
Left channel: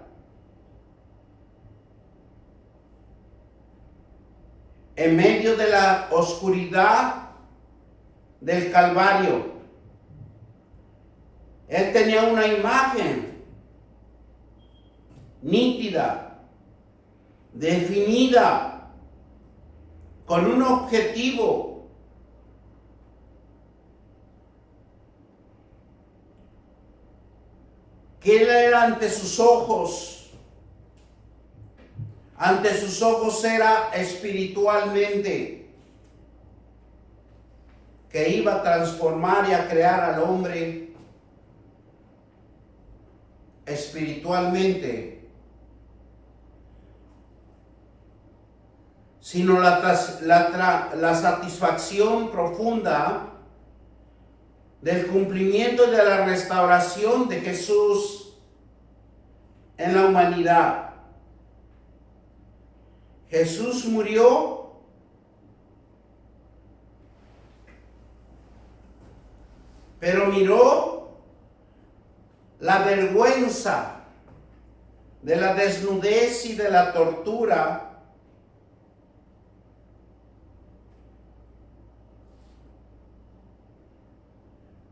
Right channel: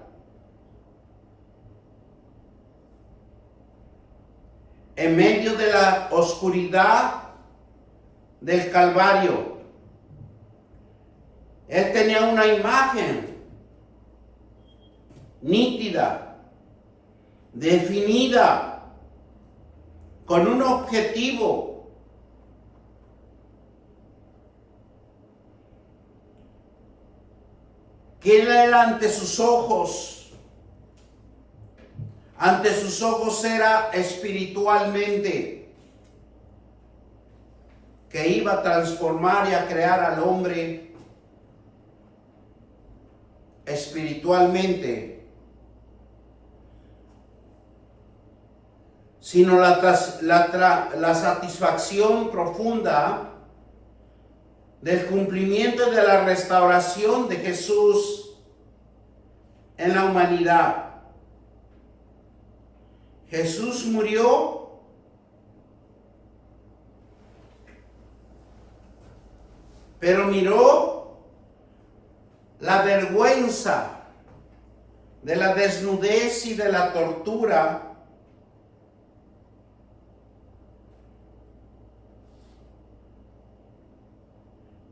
En medio de la oscuridad del Calvario, él tenía una imagen nítida, definida, con un objetivo. Que él era ante sus ojos era espiritualmente, que iba a transformar y a crear al hombre espiritualmente, sino la satisfacción profunda del cumplimiento de la restauración de Jesús en la humanidad. Jesús murió pero miró la vergüenza de la desnudez y de la tortura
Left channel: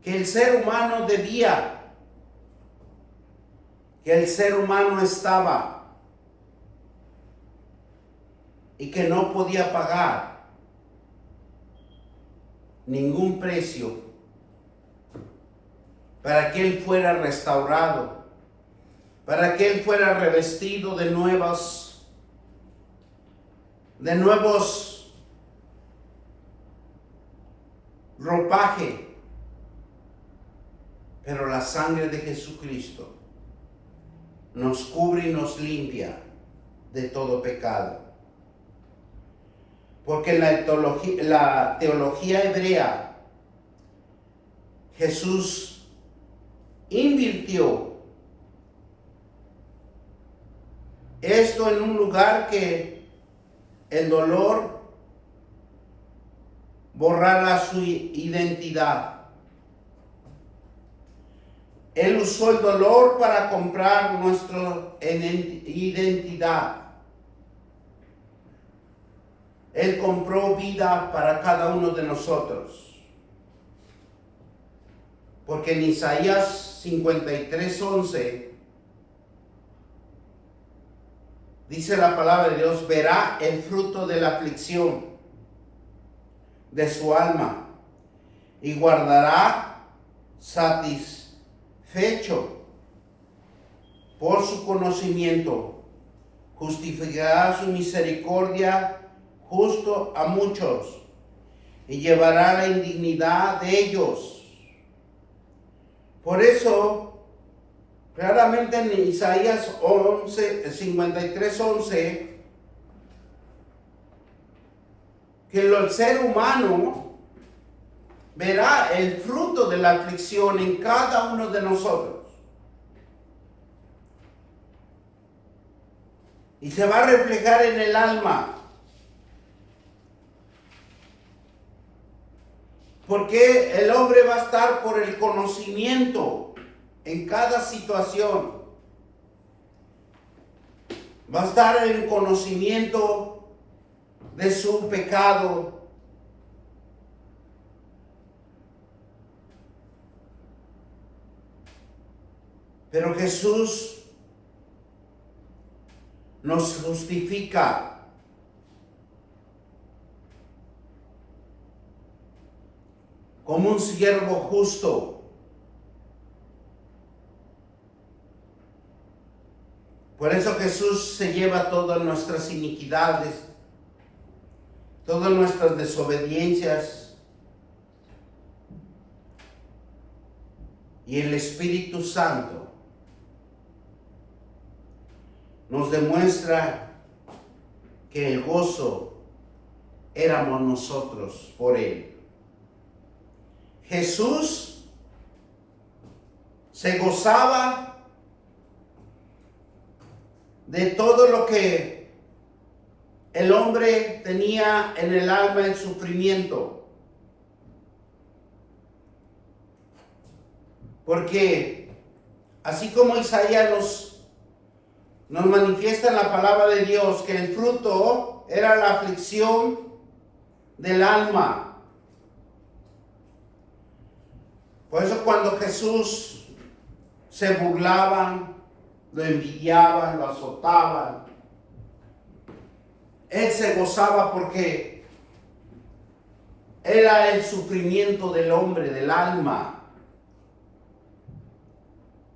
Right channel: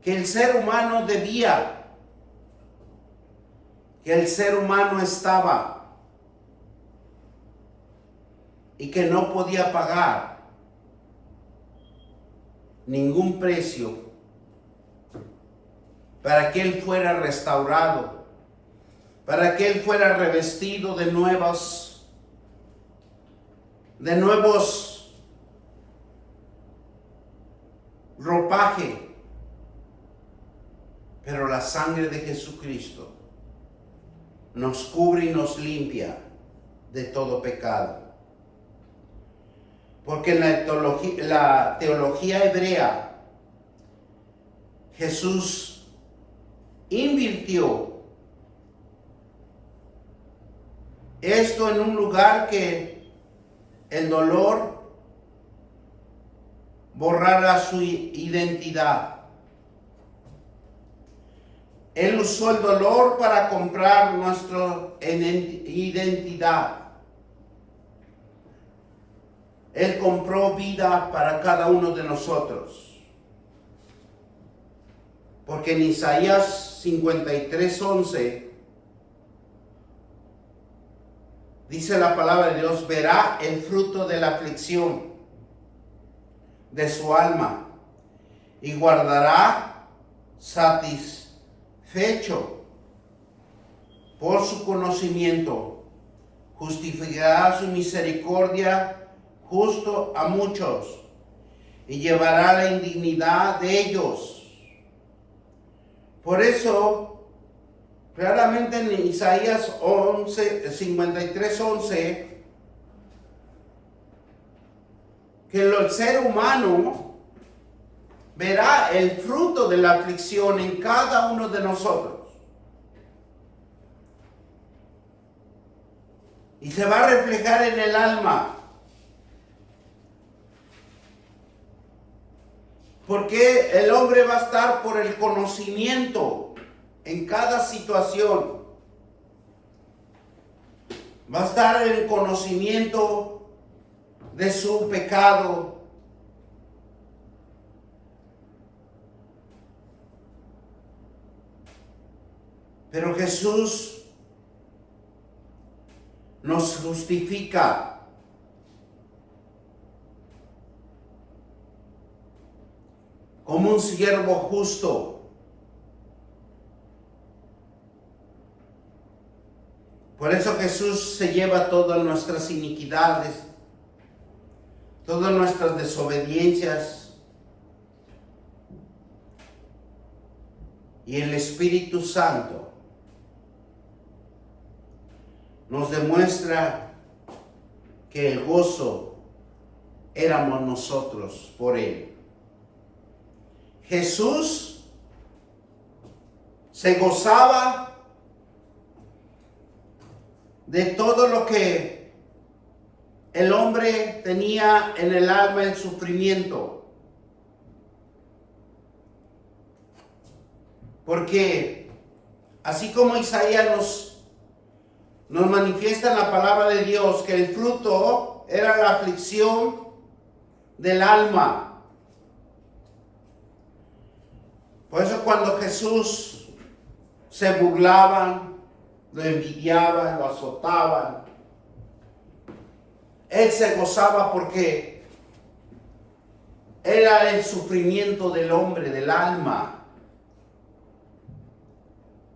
que el ser humano debía, que el ser humano estaba y que no podía pagar ningún precio para que él fuera restaurado, para que él fuera revestido de nuevos ropaje. Pero la sangre de Jesucristo nos cubre y nos limpia de todo pecado. Porque en la teología hebrea, Jesús invirtió esto en un lugar que el dolor borrara su identidad. Él usó el dolor para comprar nuestra identidad. Él compró vida para cada uno de nosotros. Porque en Isaías 53:11 dice la palabra de Dios: verá el fruto de la aflicción de su alma y guardará satisfecho por su conocimiento, justificará su misericordia justo a muchos y llevará la indignidad de ellos. Por eso, claramente en Isaías 53:11, que el ser humano verá el fruto de la aflicción en cada uno de nosotros. Y se va a reflejar en el alma. Porque el hombre va a estar por el conocimiento en cada situación. Va a estar en conocimiento de su pecado. Pero Jesús nos justifica. Como un siervo justo. Por eso Jesús se lleva todas nuestras iniquidades, todas nuestras desobediencias. Y el Espíritu Santo nos demuestra que el gozo éramos nosotros por Él. Jesús se gozaba de todo lo que el hombre tenía en el alma, el sufrimiento. Porque así como Isaías nos manifiesta en la palabra de Dios que el fruto era la aflicción del alma. Por eso cuando Jesús se burlaban, lo envidiaban, lo azotaban, Él se gozaba porque era el sufrimiento del hombre, del alma.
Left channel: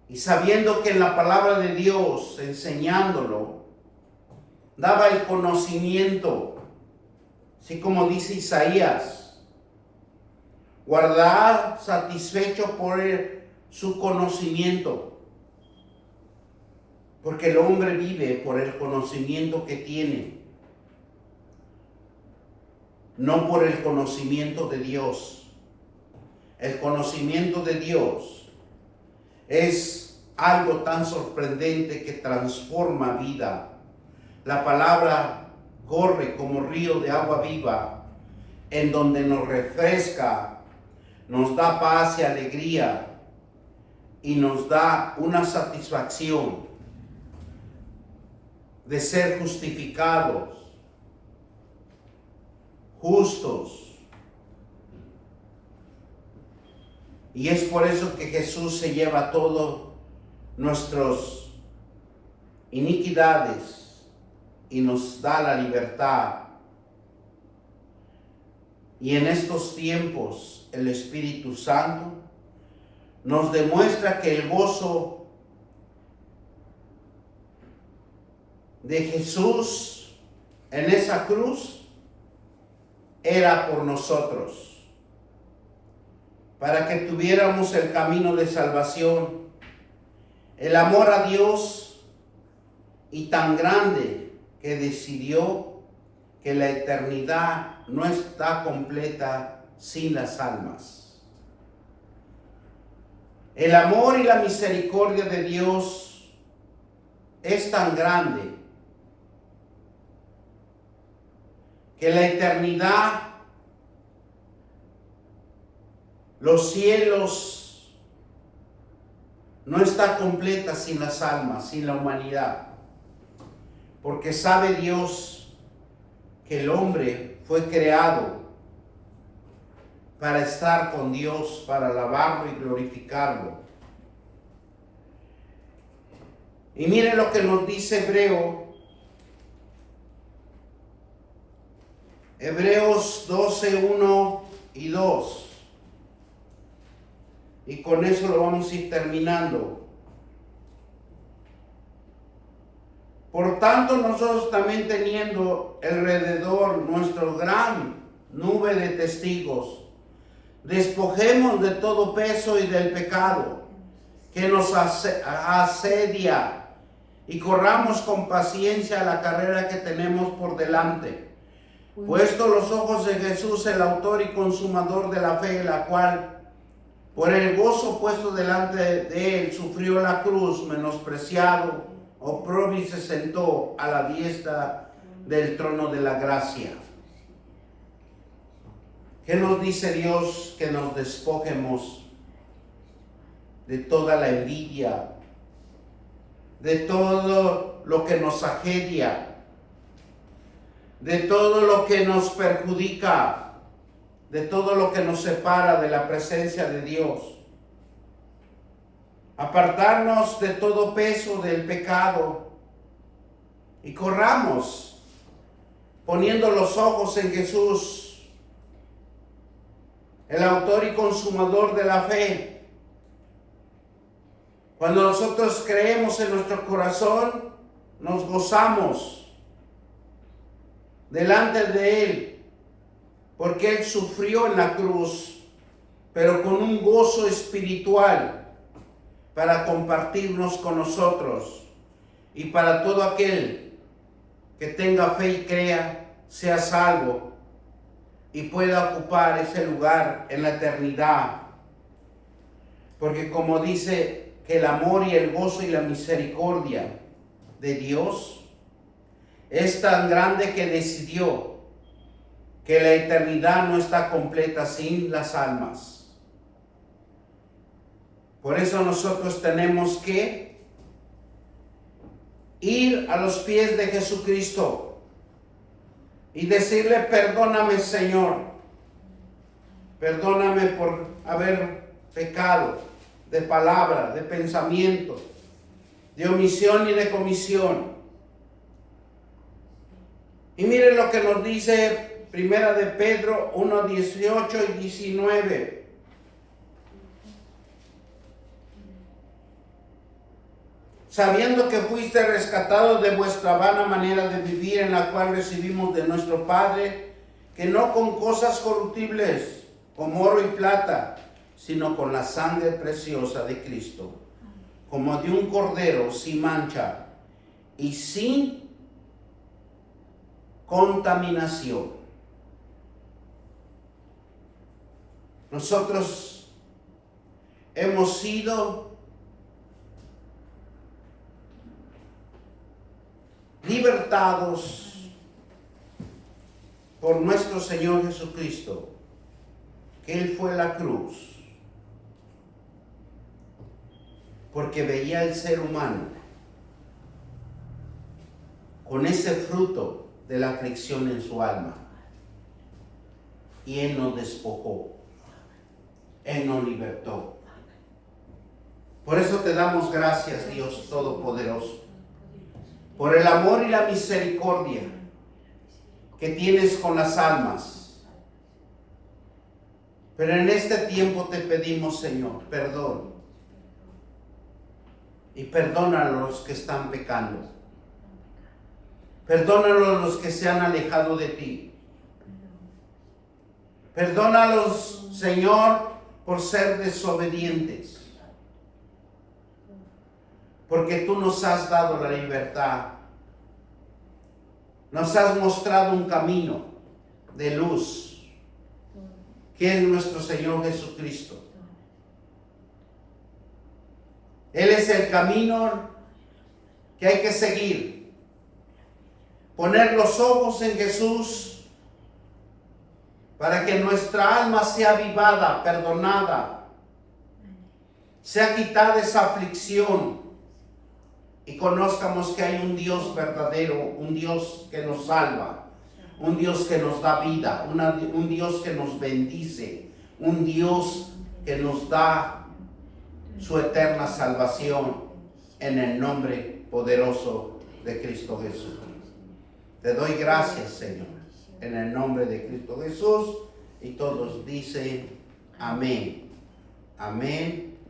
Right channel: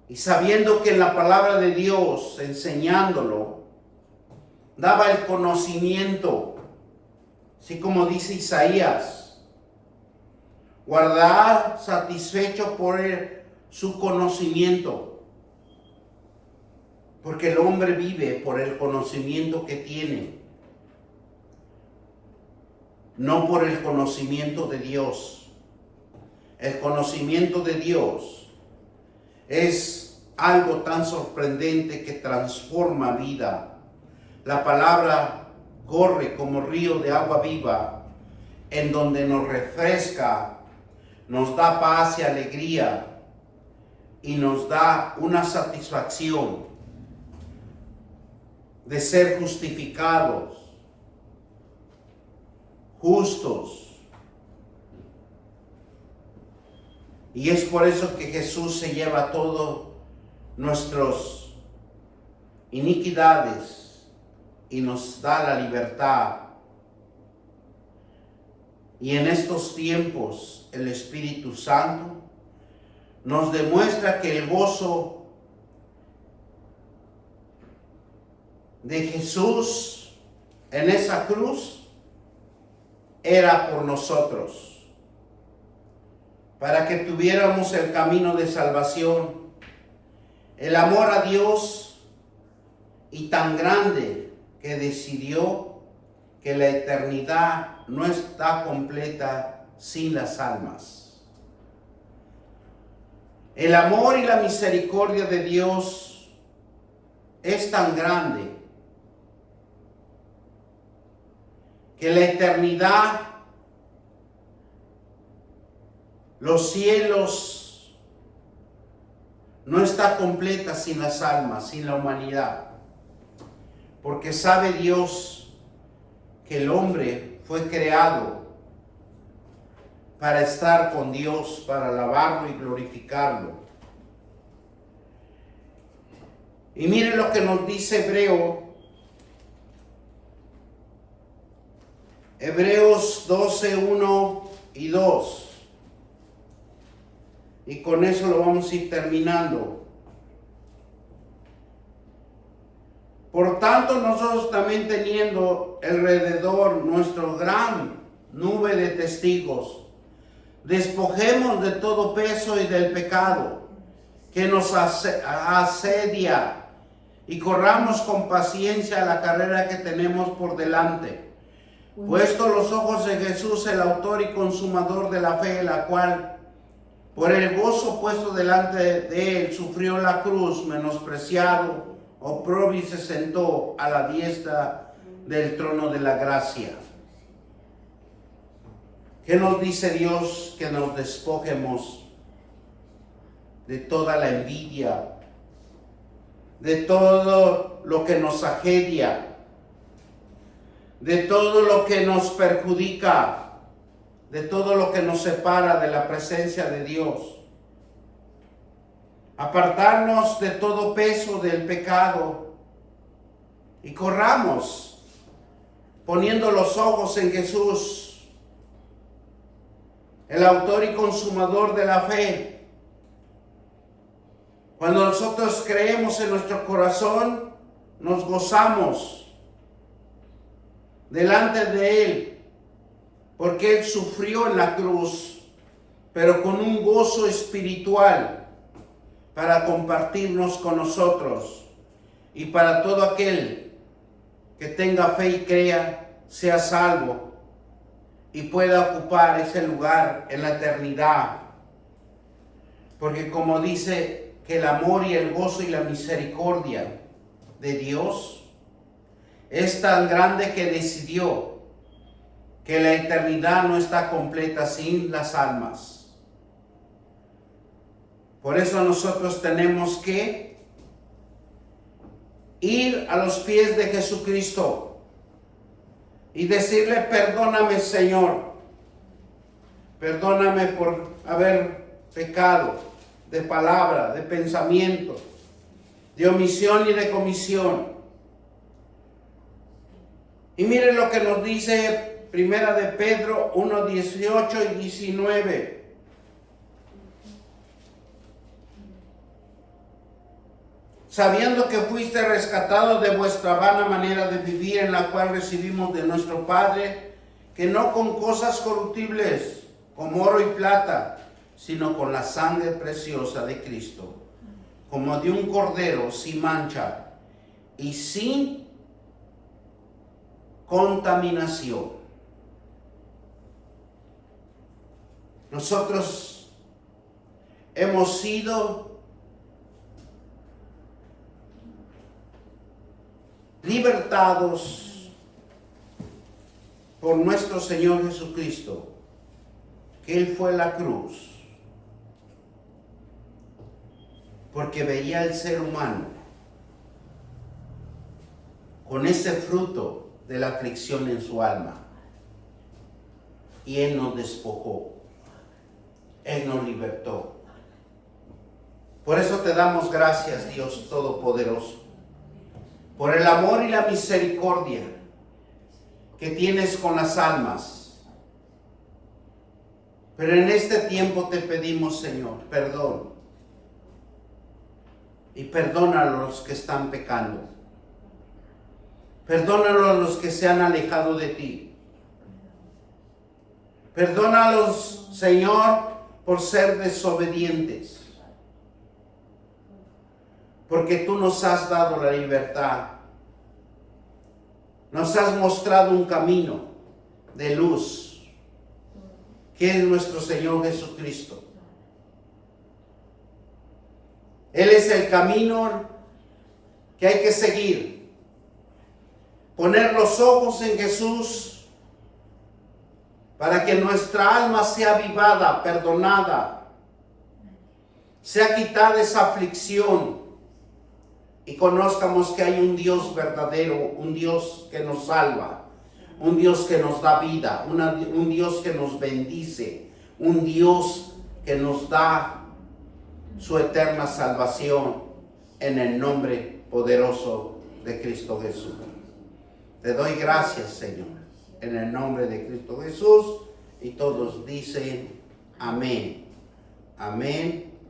Y sabiendo que en la palabra de Dios, enseñándolo, daba el conocimiento, así como dice Isaías, guardar satisfecho por su conocimiento, porque el hombre vive por el conocimiento que tiene, no por el conocimiento de Dios. El conocimiento de Dios es algo tan sorprendente que transforma vida. La palabra corre como río de agua viva, en donde nos refresca, nos da paz y alegría y nos da una satisfacción de ser justificados, justos. Y es por eso que Jesús se lleva todas nuestras iniquidades y nos da la libertad. Y en estos tiempos el Espíritu Santo nos demuestra que el gozo de Jesús en esa cruz era por nosotros, para que tuviéramos el camino de salvación, el amor a Dios, y tan grande que decidió que la eternidad no está completa sin las almas. El amor y la misericordia de Dios es tan grande que la eternidad, los cielos, no está completa sin las almas, sin la humanidad. Porque sabe Dios que el hombre fue creado para estar con Dios, para alabarlo y glorificarlo. Y miren lo que nos dice Hebreos 12, 1 y 2. Y con eso lo vamos a ir terminando. Por tanto, nosotros también teniendo alrededor nuestra gran nube de testigos, despojemos de todo peso y del pecado que nos asedia y corramos con paciencia la carrera que tenemos por delante, Puesto los ojos en Jesús, el autor y consumador de la fe, la cual por el gozo puesto delante de él sufrió la cruz, menospreciado, oprobio, y se sentó a la diestra del trono de la gracia. ¿Qué nos dice Dios? Que nos despojemos de toda la envidia, de todo lo que nos asedia, de todo lo que nos perjudica, de todo lo que nos separa de la presencia de Dios. Apartarnos de todo peso del pecado y corramos poniendo los ojos en Jesús, el autor y consumador de la fe. Cuando nosotros creemos en nuestro corazón, nos gozamos delante de Él, porque Él sufrió en la cruz, pero con un gozo espiritual para compartirnos con nosotros, y para todo aquel que tenga fe y crea, sea salvo y pueda ocupar ese lugar en la eternidad. Porque como dice que el amor y el gozo y la misericordia de Dios es tan grande que decidió que la eternidad no está completa sin las almas. Por eso nosotros tenemos que ir a los pies de Jesucristo y decirle: perdóname, Señor, perdóname por haber pecado de palabra, de pensamiento, de omisión y de comisión. Y miren lo que nos dice Primera de Pedro 1, 18 y 19. Sabiendo que fuiste rescatados de vuestra vana manera de vivir, en la cual recibimos de nuestro Padre, que no con cosas corruptibles, como oro y plata, sino con la sangre preciosa de Cristo, como de un cordero sin mancha y sin contaminación. Nosotros hemos sido libertados por nuestro Señor Jesucristo, que Él fue a la cruz, porque veía al ser humano con ese fruto de la aflicción en su alma, y Él nos despojó, Él nos libertó. Por eso te damos gracias, Dios Todopoderoso, por el amor y la misericordia que tienes con las almas. Pero en este tiempo te pedimos, Señor, perdón. Y perdona a los que están pecando. Perdónalos a los que se han alejado de ti. Perdónalos, Señor, por ser desobedientes. Porque tú nos has dado la libertad. Nos has mostrado un camino de luz, que es nuestro Señor Jesucristo. Él es el camino que hay que seguir. Poner los ojos en Jesús para que nuestra alma sea avivada, perdonada, sea quitada esa aflicción, y conozcamos que hay un Dios verdadero, un Dios que nos salva, un Dios que nos da vida, un Dios que nos bendice, un Dios que nos da su eterna salvación, en el nombre poderoso de Cristo Jesús. Te doy gracias, Señor, en el nombre de Cristo Jesús, y todos dicen amén, amén